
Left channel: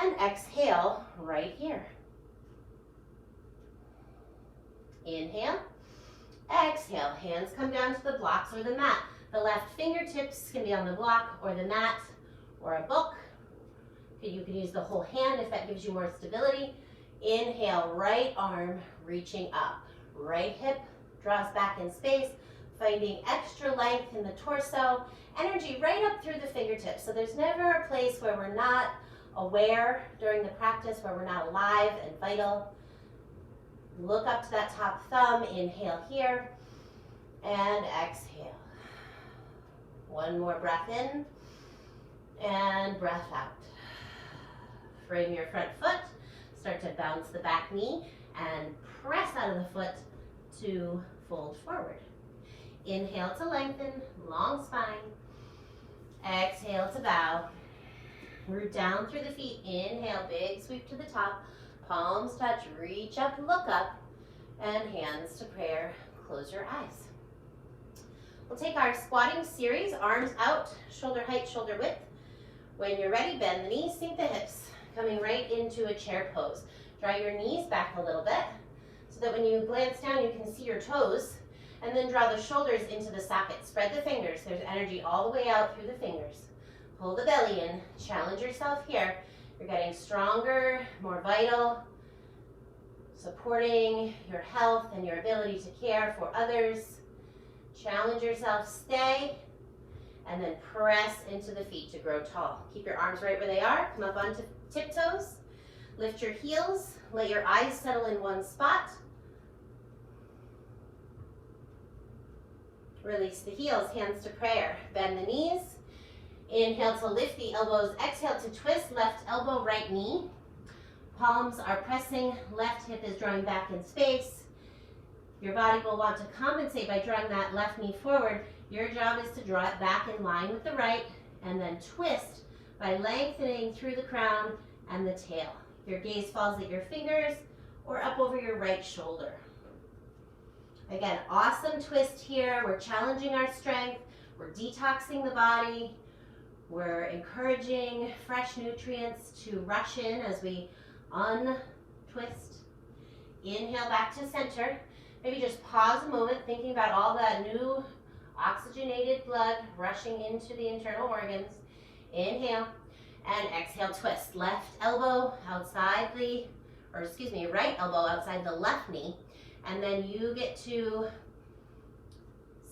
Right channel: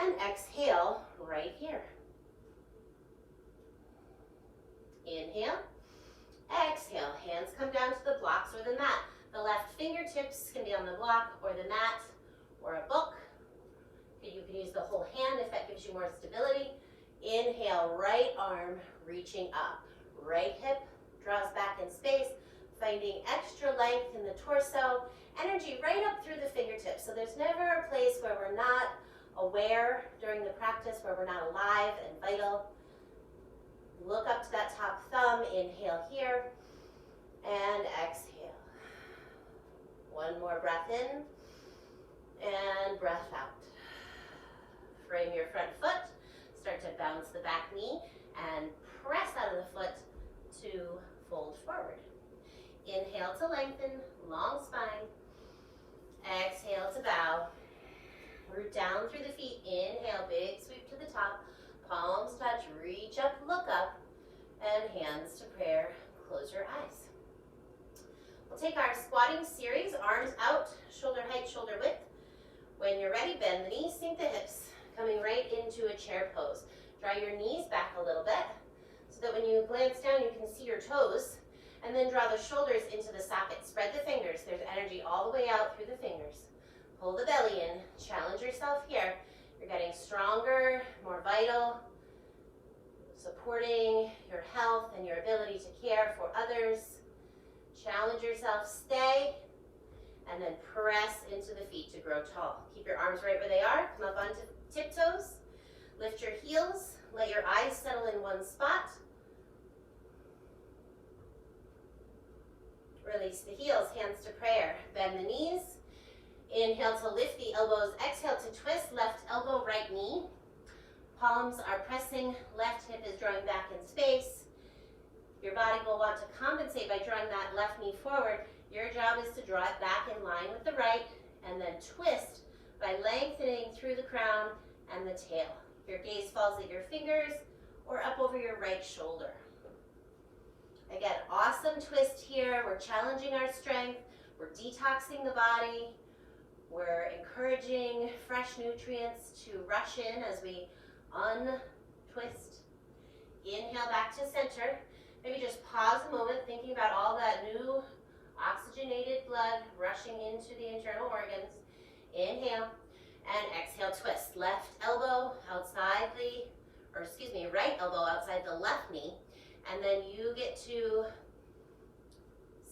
and exhale right here. Inhale, exhale, hands come down to the blocks or the mat. The left fingertips can be on the block or the mat or a book. You can use the whole hand if that gives you more stability. Inhale, right arm reaching up. Right hip draws back in space, finding extra length in the torso. Energy right up through the fingertips. So there's never a place where we're not aware during the practice, where we're not alive and vital. Look up to that top thumb. Inhale here and exhale. One more breath in and breath out. Frame your front foot. Start to bounce the back knee and press out of the foot to fold forward. Inhale to lengthen, long spine. Exhale to bow. Root down through the feet. Inhale, big sweep to the top. Palms touch, reach up, look up, and hands to prayer. Close your eyes. We'll take our squatting series, arms out, shoulder height, shoulder width. When you're ready, bend the knees, sink the hips, coming right into a chair pose. Draw your knees back a little bit so that when you glance down, you can see your toes, and then draw the shoulders into the socket. Spread the fingers. There's energy all the way out through the fingers. Pull the belly in. Challenge yourself here. You're getting stronger, more vital, supporting your health and your ability to care for others. Challenge yourself, stay, and then press into the feet to grow tall. Keep your arms right where they are. Come up onto tiptoes. Lift your heels. Let your eyes settle in one spot. Release the heels, hands to prayer. Bend the knees. Inhale to lift the elbows. Exhale to twist, left elbow, right knee. Palms are pressing, left hip is drawing back in space. Your body will want to compensate by drawing that left knee forward. Your job is to draw it back in line with the right, and then twist by lengthening through the crown and the tail. Your gaze falls at your fingers or up over your right shoulder. Again, awesome twist here. We're challenging our strength. We're detoxing the body. We're encouraging fresh nutrients to rush in as we untwist. Inhale back to center. Maybe just pause a moment, thinking about all that new oxygenated blood rushing into the internal organs. Inhale and exhale, twist. Left elbow outside the, right elbow outside the left knee. And then you get to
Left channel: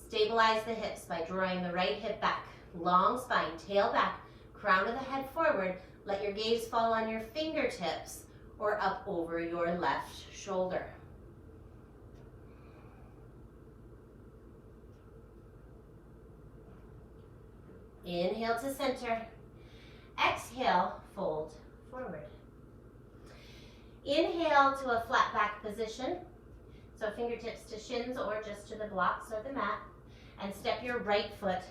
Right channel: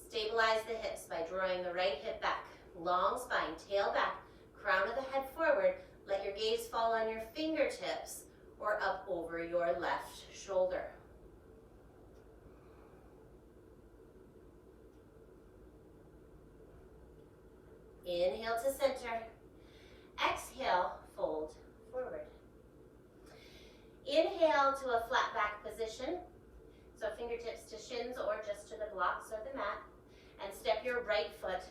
stabilize the hips by drawing the right hip back. Long spine, tail back, crown of the head forward. Let your gaze fall on your fingertips or up over your left shoulder. Inhale to center. Exhale, fold forward. Inhale to a flat back position. So fingertips to shins or just to the blocks or the mat. And step your right foot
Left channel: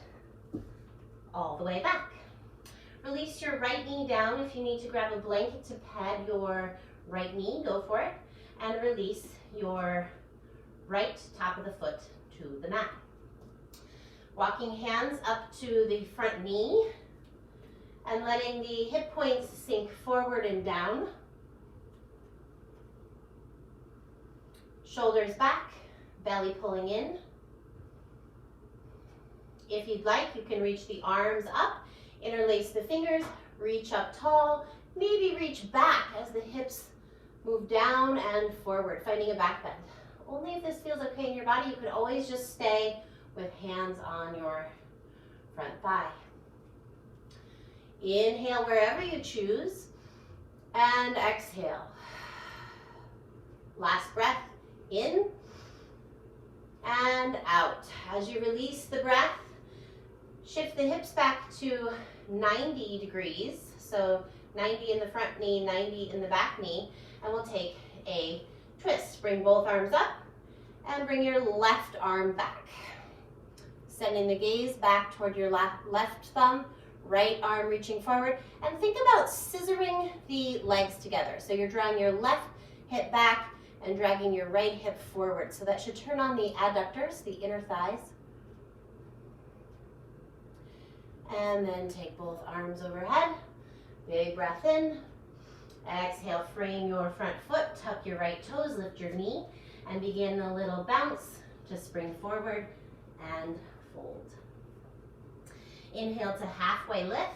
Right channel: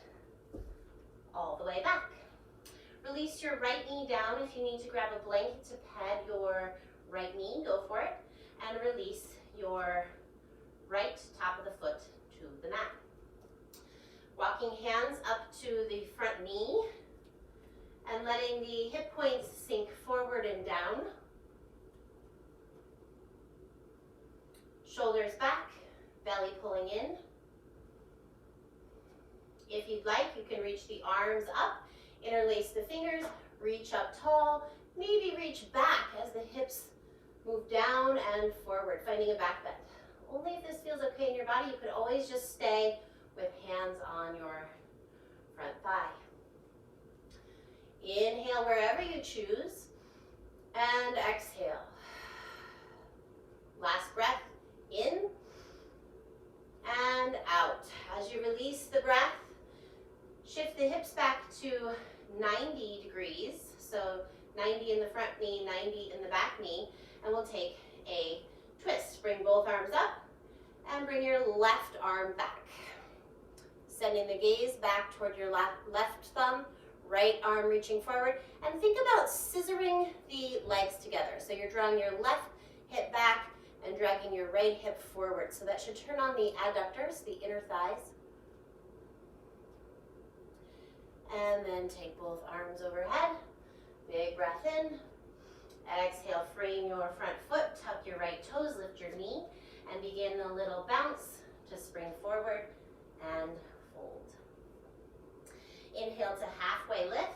all the way back. Release your right knee down. If you need to grab a blanket to pad your right knee, go for it. And release your right top of the foot to the mat. Walking hands up to the front knee and letting the hip points sink forward and down. Shoulders back, belly pulling in. If you'd like, you can reach the arms up, interlace the fingers, reach up tall, maybe reach back as the hips move down and forward, finding a back bend. Only if this feels okay in your body. You could always just stay with hands on your front thigh. Inhale wherever you choose, and exhale. Last breath, in and out. As you release the breath, shift the hips back to 90 degrees. So 90 in the front knee, 90 in the back knee, and we'll take a twist. Bring both arms up and bring your left arm back. Sending the gaze back toward your left thumb, right arm reaching forward, and think about scissoring the legs together. So you're drawing your left hip back and dragging your right hip forward. So that should turn on the adductors, the inner thighs. And then take both arms overhead. Big breath in. Exhale, frame your front foot, tuck your right toes, lift your knee, and begin a little bounce to spring forward and fold. Inhale to halfway lift.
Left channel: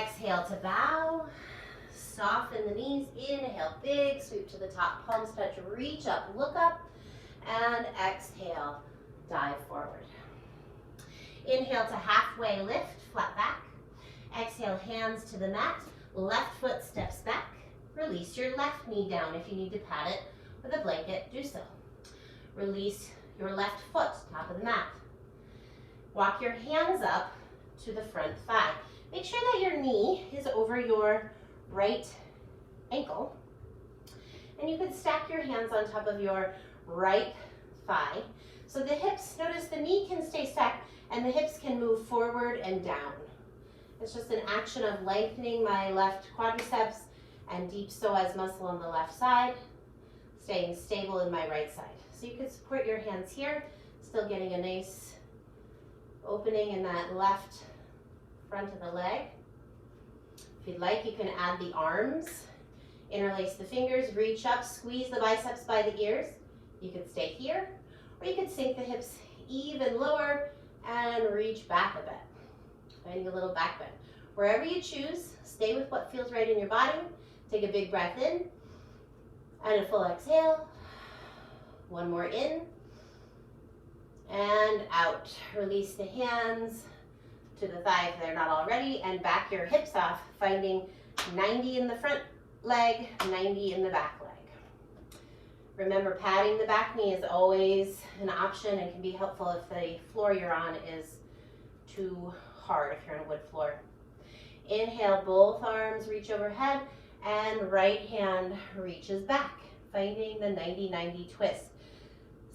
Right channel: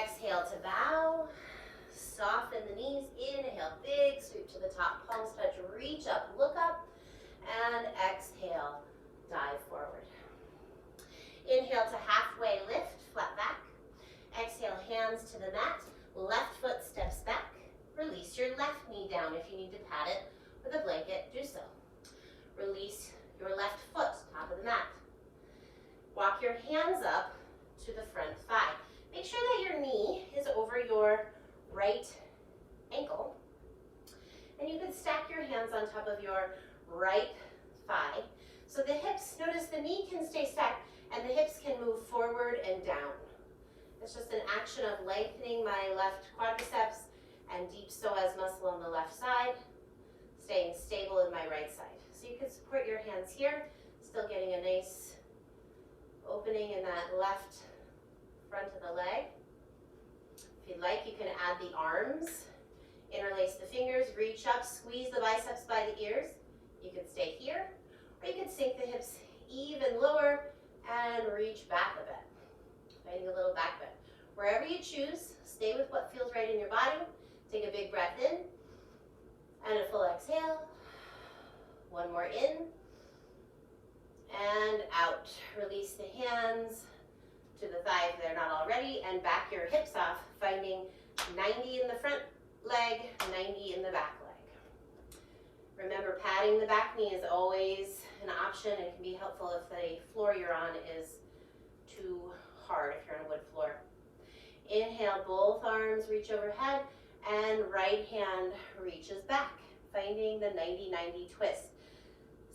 Exhale to bow. Soften the knees. Inhale, big sweep to the top. Palms touch, reach up, look up. And exhale, dive forward. Inhale to halfway lift, flat back. Exhale, hands to the mat. Left foot steps back. Release your left knee down. If you need to pad it with a blanket, do so. Release your left foot, top of the mat. Walk your hands up to the front thigh. Make sure that your knee is over your right ankle. And you can stack your hands on top of your right thigh. So the hips, notice the knee can stay stacked and the hips can move forward and down. It's just an action of lengthening my left quadriceps and deep psoas muscle on the left side, staying stable in my right side. So you can support your hands here, still getting a nice opening in that left front of the leg. If you'd like, you can add the arms, interlace the fingers, reach up, squeeze the biceps by the ears. You can stay here, or you can sink the hips even lower and reach back a bit. Finding a little back bend. Wherever you choose, stay with what feels right in your body. Take a big breath in and a full exhale. One more in and out. Release the hands to the thigh if they're not already, and back your hips off, finding 90 in the front leg, 90 in the back leg. Remember, padding the back knee is always an option and can be helpful if the floor you're on is too hard, if you're on a wood floor. Inhale, both arms reach overhead, and right hand reaches back, finding the 90-90 twist.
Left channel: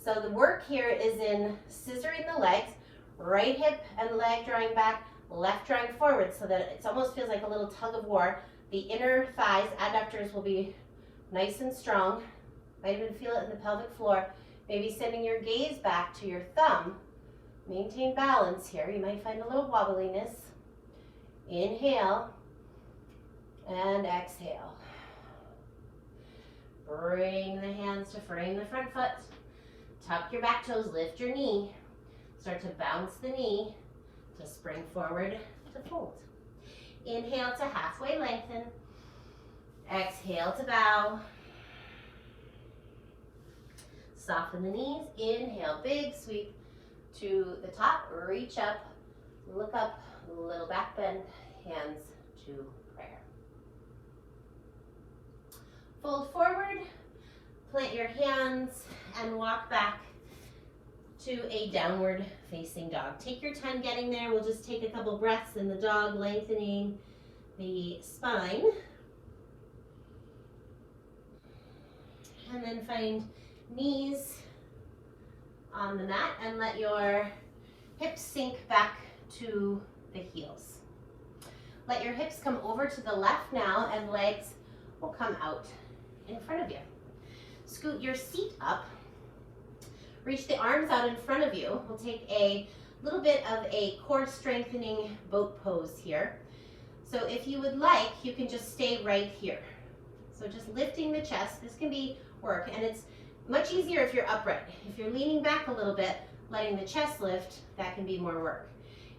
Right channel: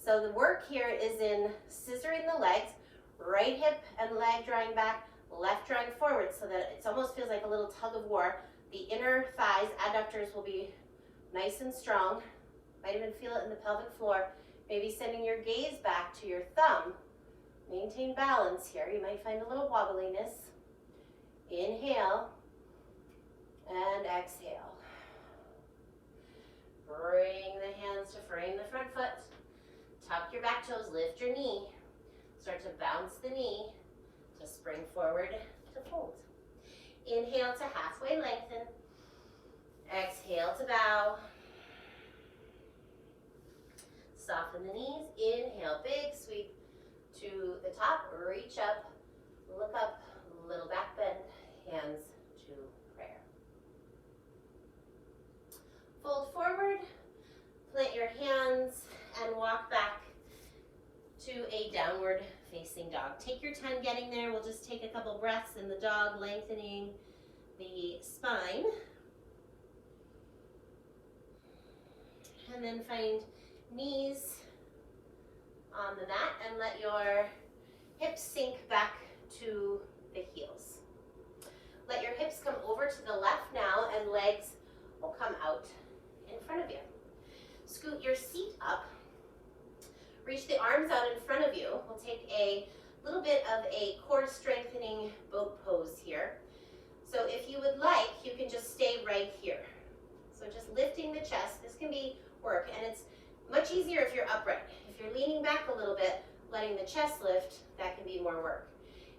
So the work here is in scissoring the legs, right hip and leg drawing back, left drawing forward, so that it almost feels like a little tug of war. The inner thighs, adductors will be nice and strong. Might even feel it in the pelvic floor. Maybe sending your gaze back to your thumb. Maintain balance here. You might find a little wobbliness. Inhale and exhale. Bring the hands to frame the front foot. Tuck your back toes, lift your knee. Start to bounce the knee to spring forward to fold. Inhale to halfway lengthen. Exhale to bow. Soften the knees. Inhale, big sweep to the top. Reach up, look up, little back bend, hands to prayer. Fold forward, plant your hands, and walk back to a downward facing dog. Take your time getting there. We'll just take a couple breaths in the dog, lengthening the spine. And then find knees on the mat and let your hips sink back to the heels. Let your hips come over to the left now and legs will come out in front of you. Scoot your seat up. Reach the arms out in front of you. We'll take a little bit of a core strengthening boat pose here. So if you would like, you can just stay right here. So just lifting the chest. This can be work, and it's much easier if you're upright. If you're leaning back a little bit, letting the chest lift, that can be more work.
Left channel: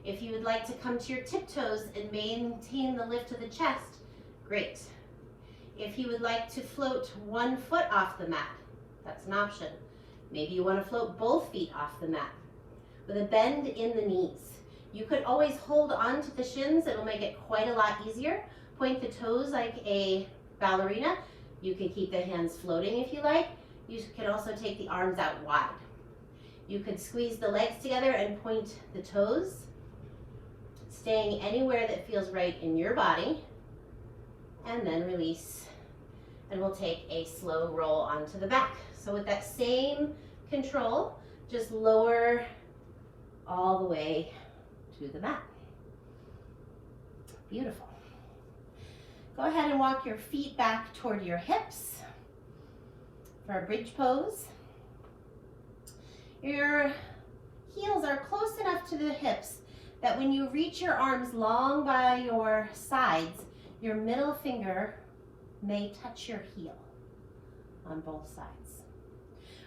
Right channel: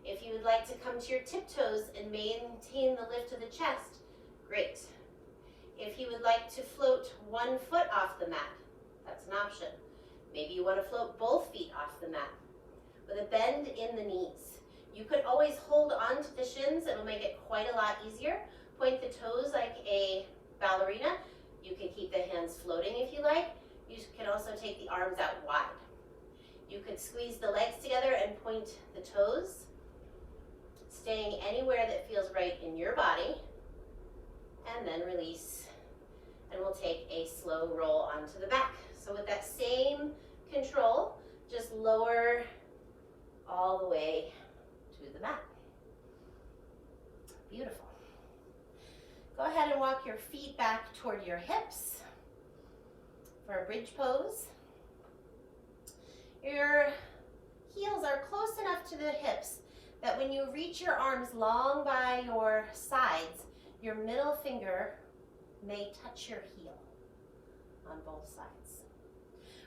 If you would like to come to your tiptoes and maintain the lift of the chest, great. If you would like to float one foot off the mat, that's an option. Maybe you want to float both feet off the mat with a bend in the knees. You could always hold on to the shins. It'll make it quite a lot easier. Point the toes like a ballerina. You can keep the hands floating if you like. You can also take the arms out wide. You could squeeze the legs together and point the toes, staying anywhere that feels right in your body, and then release. And we'll take a slow roll onto the back. So with that same control, just lower all the way to the mat. Beautiful. Go ahead and walk your feet back toward your hips for a bridge pose. Your heels are close enough to the hips that when you reach your arms long by your sides, your middle finger may touch your heel on both sides.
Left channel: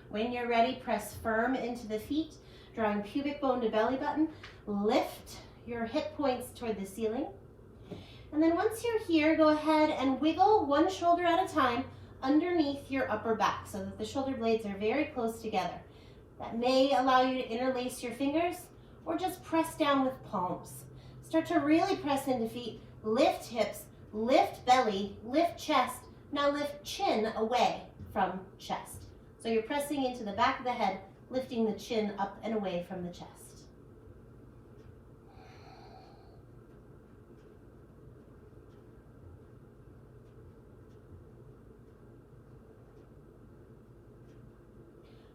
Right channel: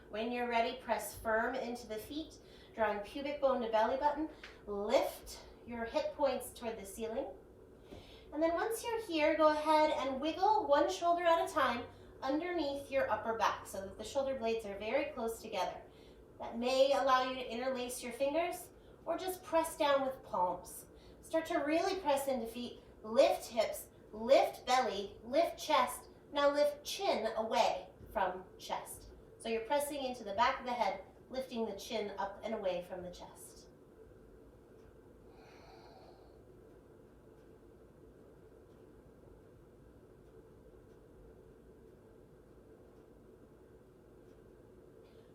When you're ready, press firm into the feet, drawing pubic bone to belly button. Lift your hip points toward the ceiling. And then once you're here, go ahead and wiggle one shoulder at a time underneath your upper back so that the shoulder blades are very close together. That may allow you to interlace your fingers or just press down with palms. Start to really press into feet, lift hips, lift belly, lift chest. Now lift chin away from chest. So you're pressing into the back of the head, lifting the chin up and away from the chest.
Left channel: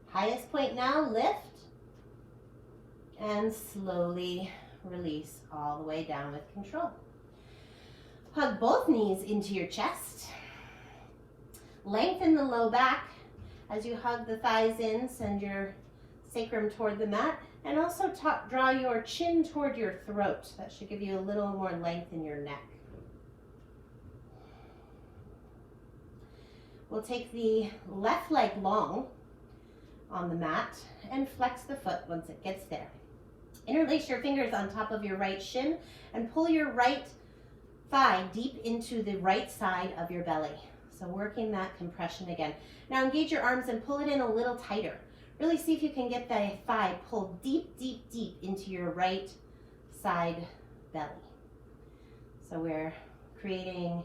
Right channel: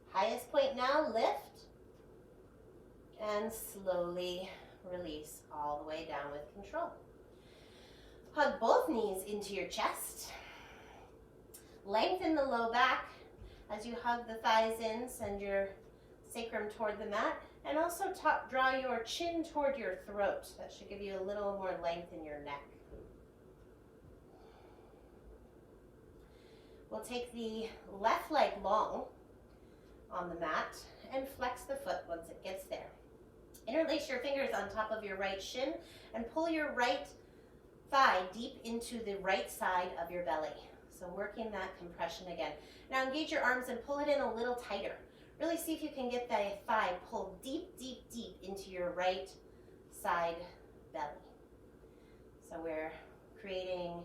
Highest point now, lift, and slowly release all the way down with control. Hug both knees into your chest. Lengthen the low back as you hug the thighs in, send your sacrum toward the mat, and also draw your chin toward your throat. That should give you a little more length in your neck. We'll take the left leg long on the mat and flex the foot once it gets there. Interlace your fingers on top of your right shin and pull your right thigh deep into the right side of your belly. So working that compression again. Now engage your arms and pull it in a little tighter. Really see if you can get the thigh pulled deep, deep, deep into your right side belly. So we're creating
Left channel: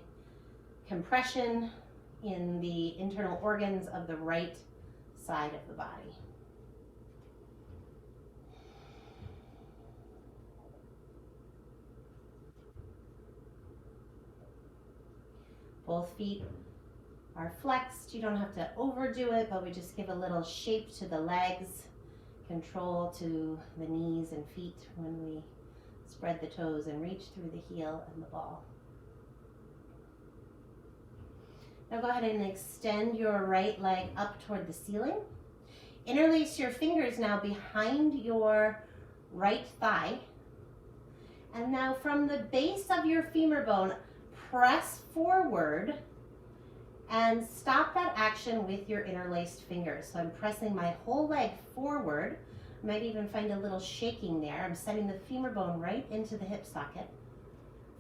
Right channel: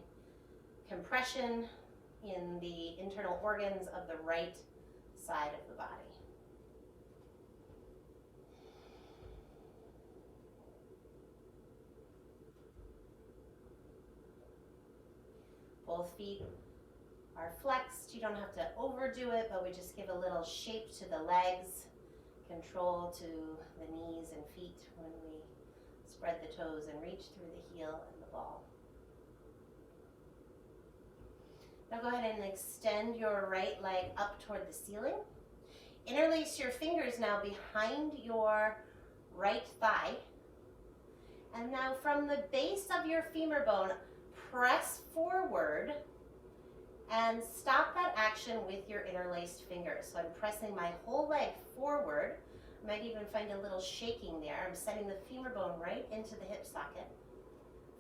compression in the internal organs of the right side of the body. Both feet are flexed. You don't have to overdo it, but we just give a little shape to the legs, control to the knees and feet when we spread the toes and reach through the heel and the ball. Now go ahead and extend your right leg up toward the ceiling. Interlace your fingers now behind your right thigh. And now from the base of your femur bone, press forward and stop that action with your interlaced fingers. So I'm pressing my whole leg forward. You might even find a little shaking there. I'm setting the femur bone right into the hip socket.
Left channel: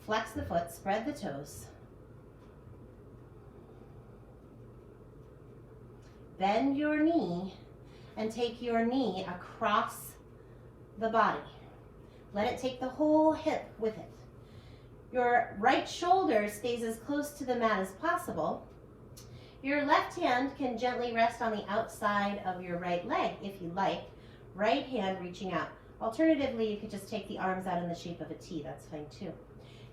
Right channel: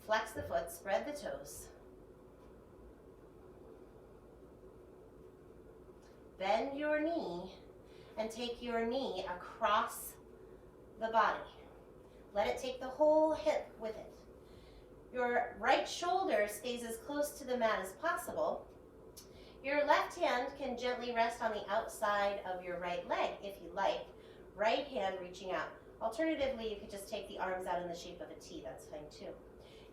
Flex the foot, spread the toes. Bend your knee and take your knee across the body. Let it take the whole hip with it. Your right shoulder stays as close to the mat as possible. Your left hand can gently rest on the outside of your right leg if you like. Right hand reaching out. Alternatively, you could just take the arms out in the shape of a T. That's fine too.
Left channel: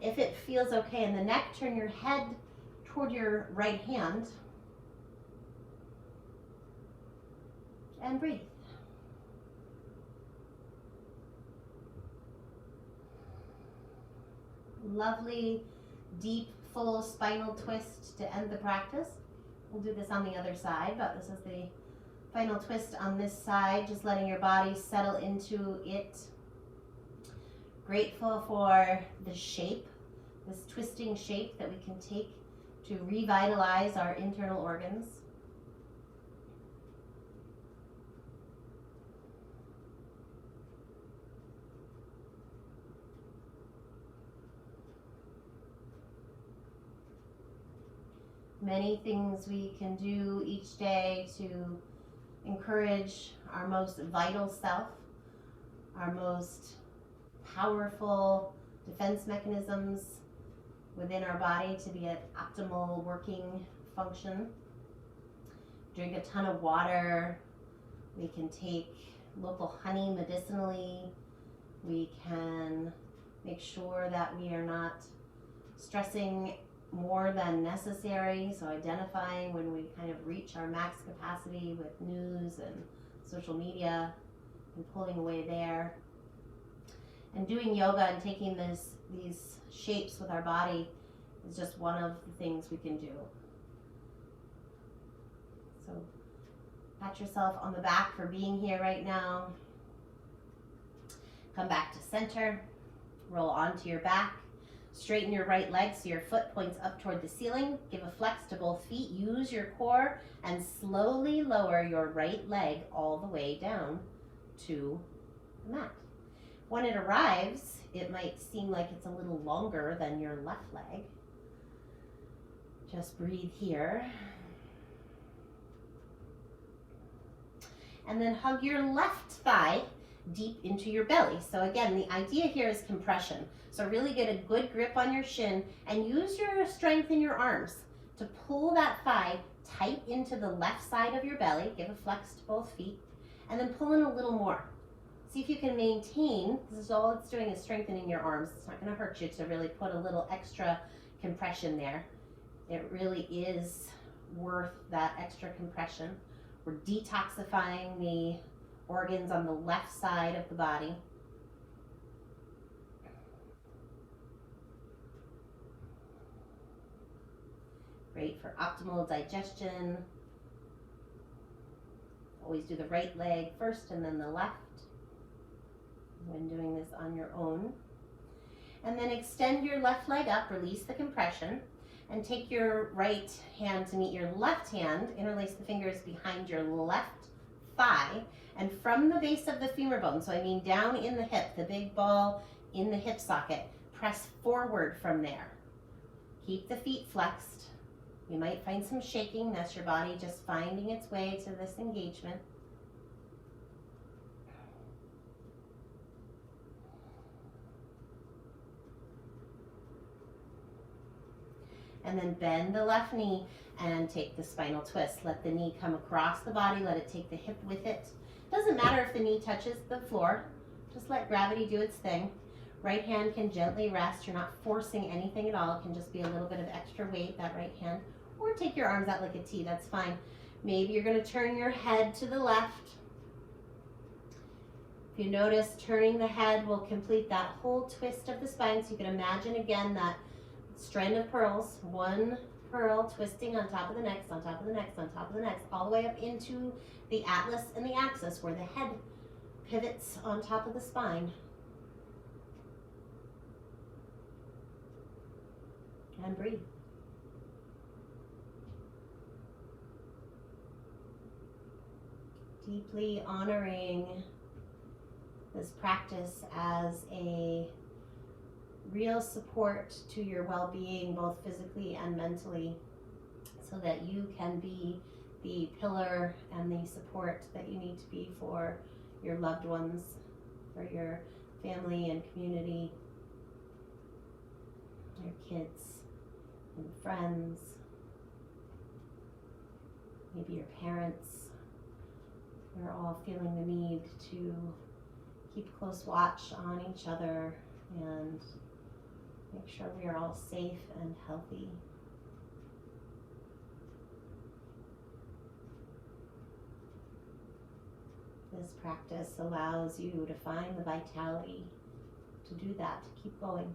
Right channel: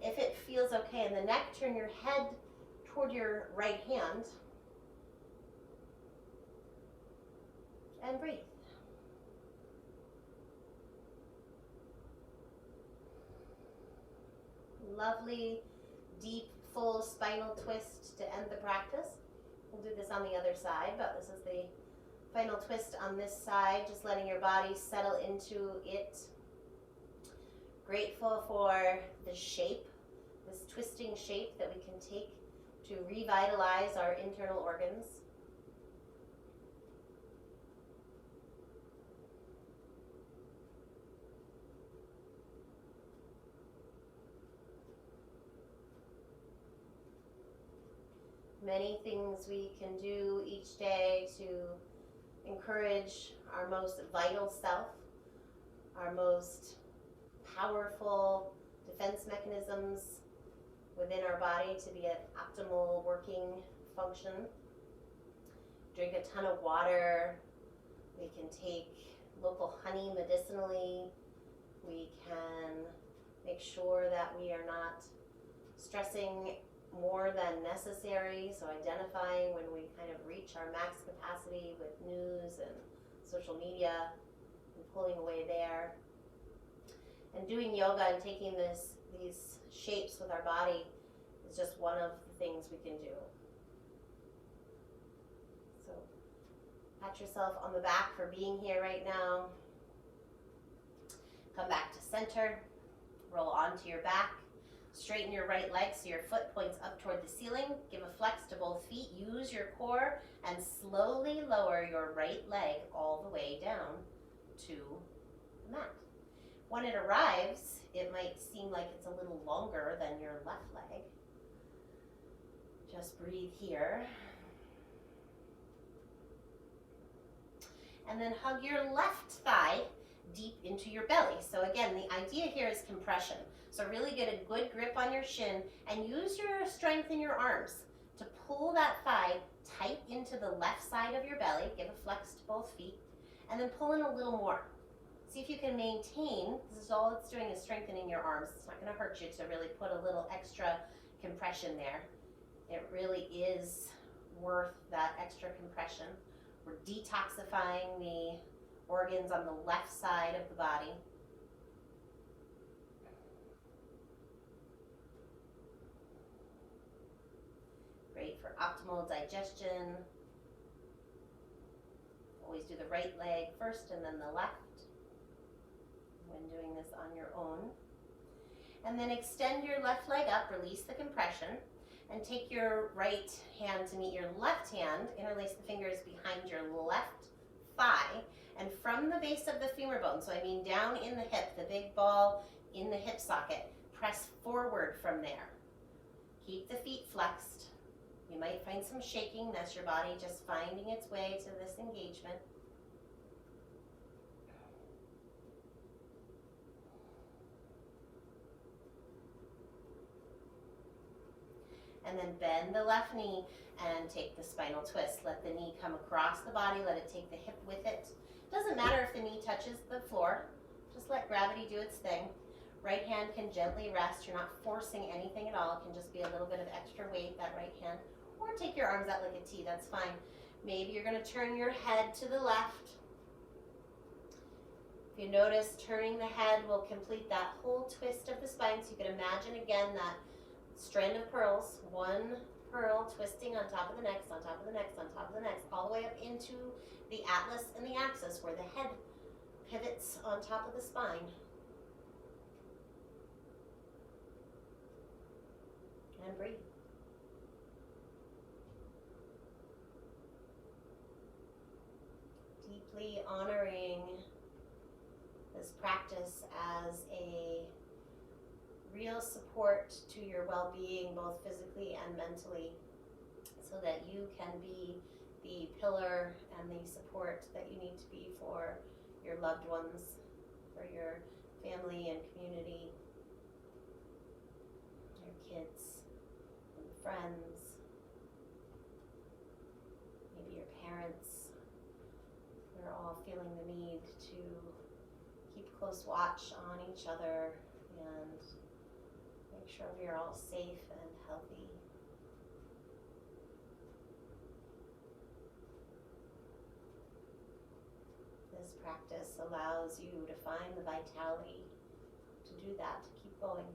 If it feels okay in the neck, turn your head toward your right hand and breathe. Lovely, deep, full spinal twist to end the practice. We'll do this on the other side, but this is the final twist on this side, just letting your body settle into it. Grateful for the shape, this twisting shape that we can take to revitalize our internal organs. Many things we can do each day to encourage our most vital self, our most powerful defense mechanisms within our body to be at optimal working function. Drink a ton of water. We can take local honey medicinally. We can make sure that we are not stressing more than necessary, so identifying when we kind of reach our max capacity with news and social media and pulling away there. And doing yoga and taking these shapes with our body is just one of the things we can do. So pat yourself on the back for being here right now. Come back to center, roll onto your back. Straighten your right leg so your foot points up toward the ceiling. Give a flex to both feet. Use your core and slowly lower your right leg all the way down to the mat. When it arrives, it might seem like it's a little longer than your left leg. Just breathe here. And then hug your left thigh deep into your belly. So again, the idea here is compression. So really get a good grip on your shin and use your strength in your arms to pull that thigh tight into the left side of your belly. Give a flex to both feet and then pull in a little more. See if you can maintain. This is all it's doing is strengthening your arms. It's not going to hurt you to really put a little extra compression there. It really is worth that extra compression. We're detoxifying the organs on the left side of the body. Great for optimal digestion. Always do the right leg first and then the left when doing this on your own. And then extend your left leg up, release the compression, and take your right hand to meet your left hand. Interlace the fingers behind your left thigh, and from the base of the femur bone, so I mean down in the hip, the big ball in the hip socket, press forward from there. Keep the feet flexed. You might find some shaking. That's your body just finding its way to this engagement. And then bend the left knee and take the spinal twist. Let the knee come across the body. Let it take the hip with it. Doesn't matter if the knee touches the floor. Just let gravity do its thing. Right hand can gently rest. You're not forcing anything at all. It can just be a little bit of extra weight, that right hand. Or take your arms out like a T, that's fine. Maybe you're going to turn your head to the left. If you notice, turning the head will complete that whole twist of the spine. So you can imagine again that strand of pearls, one pearl, twisting on top of the next, on top of the next, on top of the next, all the way up into the atlas and the axis where the head pivots on top of the spine. And breathe. Deeply honoring this practice as a real support to your well-being, both physically and mentally, so that you can be the pillar and the support that you need to be for your loved ones, for your family and community, your kids and friends, maybe your parents. We're all feeling the need to keep close watch on each other and make sure we are all safe and healthy. This practice allows you to find the vitality to do that, to keep going.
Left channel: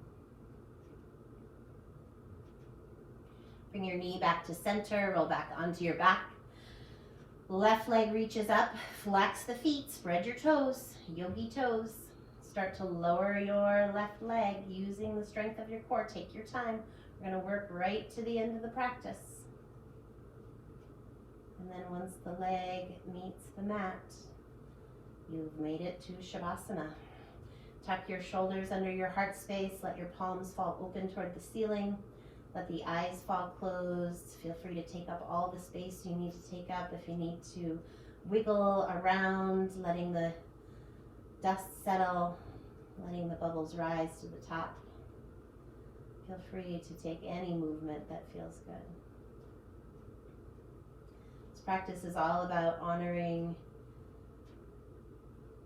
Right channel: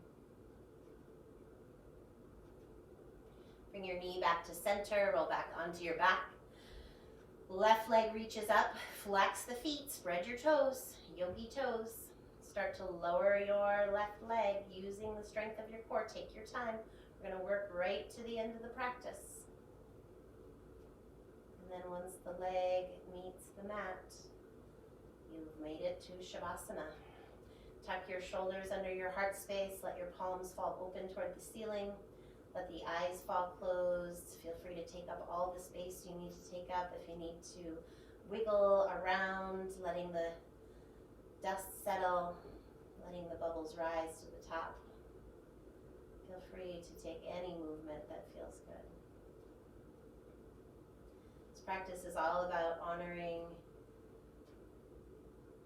Bring your knee back to center, roll back onto your back. Left leg reaches up, flex the feet, spread your toes, yogi toes. Start to lower your left leg using the strength of your core. Take your time. We're going to work right to the end of the practice. And then once the leg meets the mat, you've made it to Shavasana. Tuck your shoulders under your heart space. Let your palms fall open toward the ceiling. Let the eyes fall closed. Feel free to take up all the space you need to take up. If you need to wiggle around, letting the dust settle, letting the bubbles rise to the top. Feel free to take any movement that feels good. This practice is all about honoring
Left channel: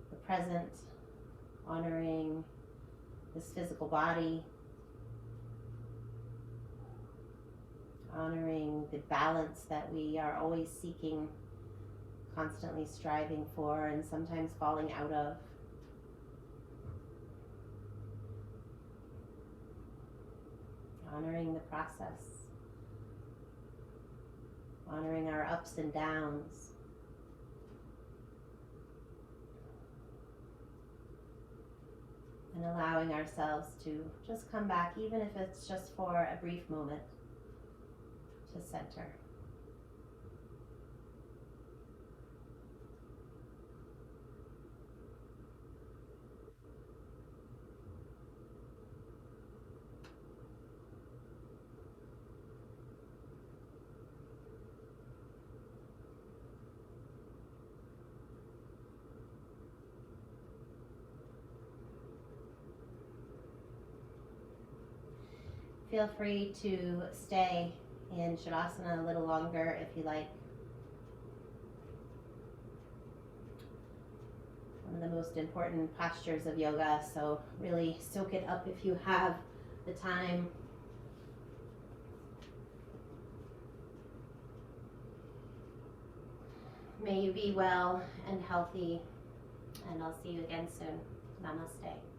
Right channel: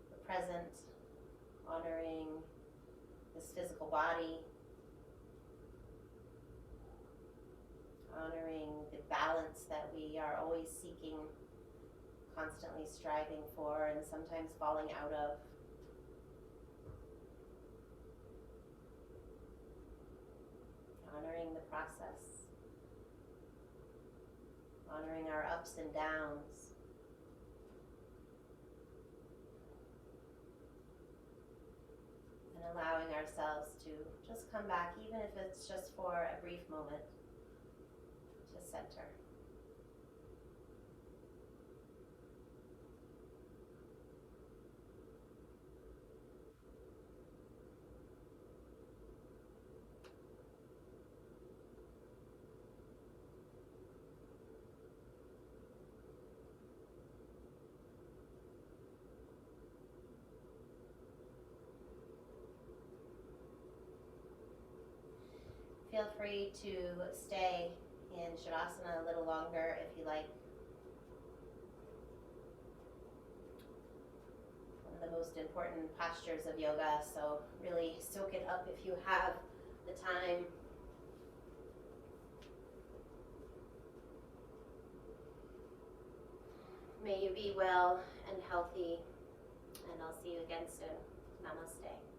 the present, honoring this physical body, honoring the balance that we are always seeking, constantly striving for, and sometimes falling out of. Honoring the process, honoring our ups and downs, and allowing ourselves to just come back, even if it's just for a brief moment, to center. Feel free to stay in Shavasana a little longer if you like. One of the most important postures of yoga, so really soak it up if you have the time. May you be well and healthy, and I'll see you again soon. Namaste.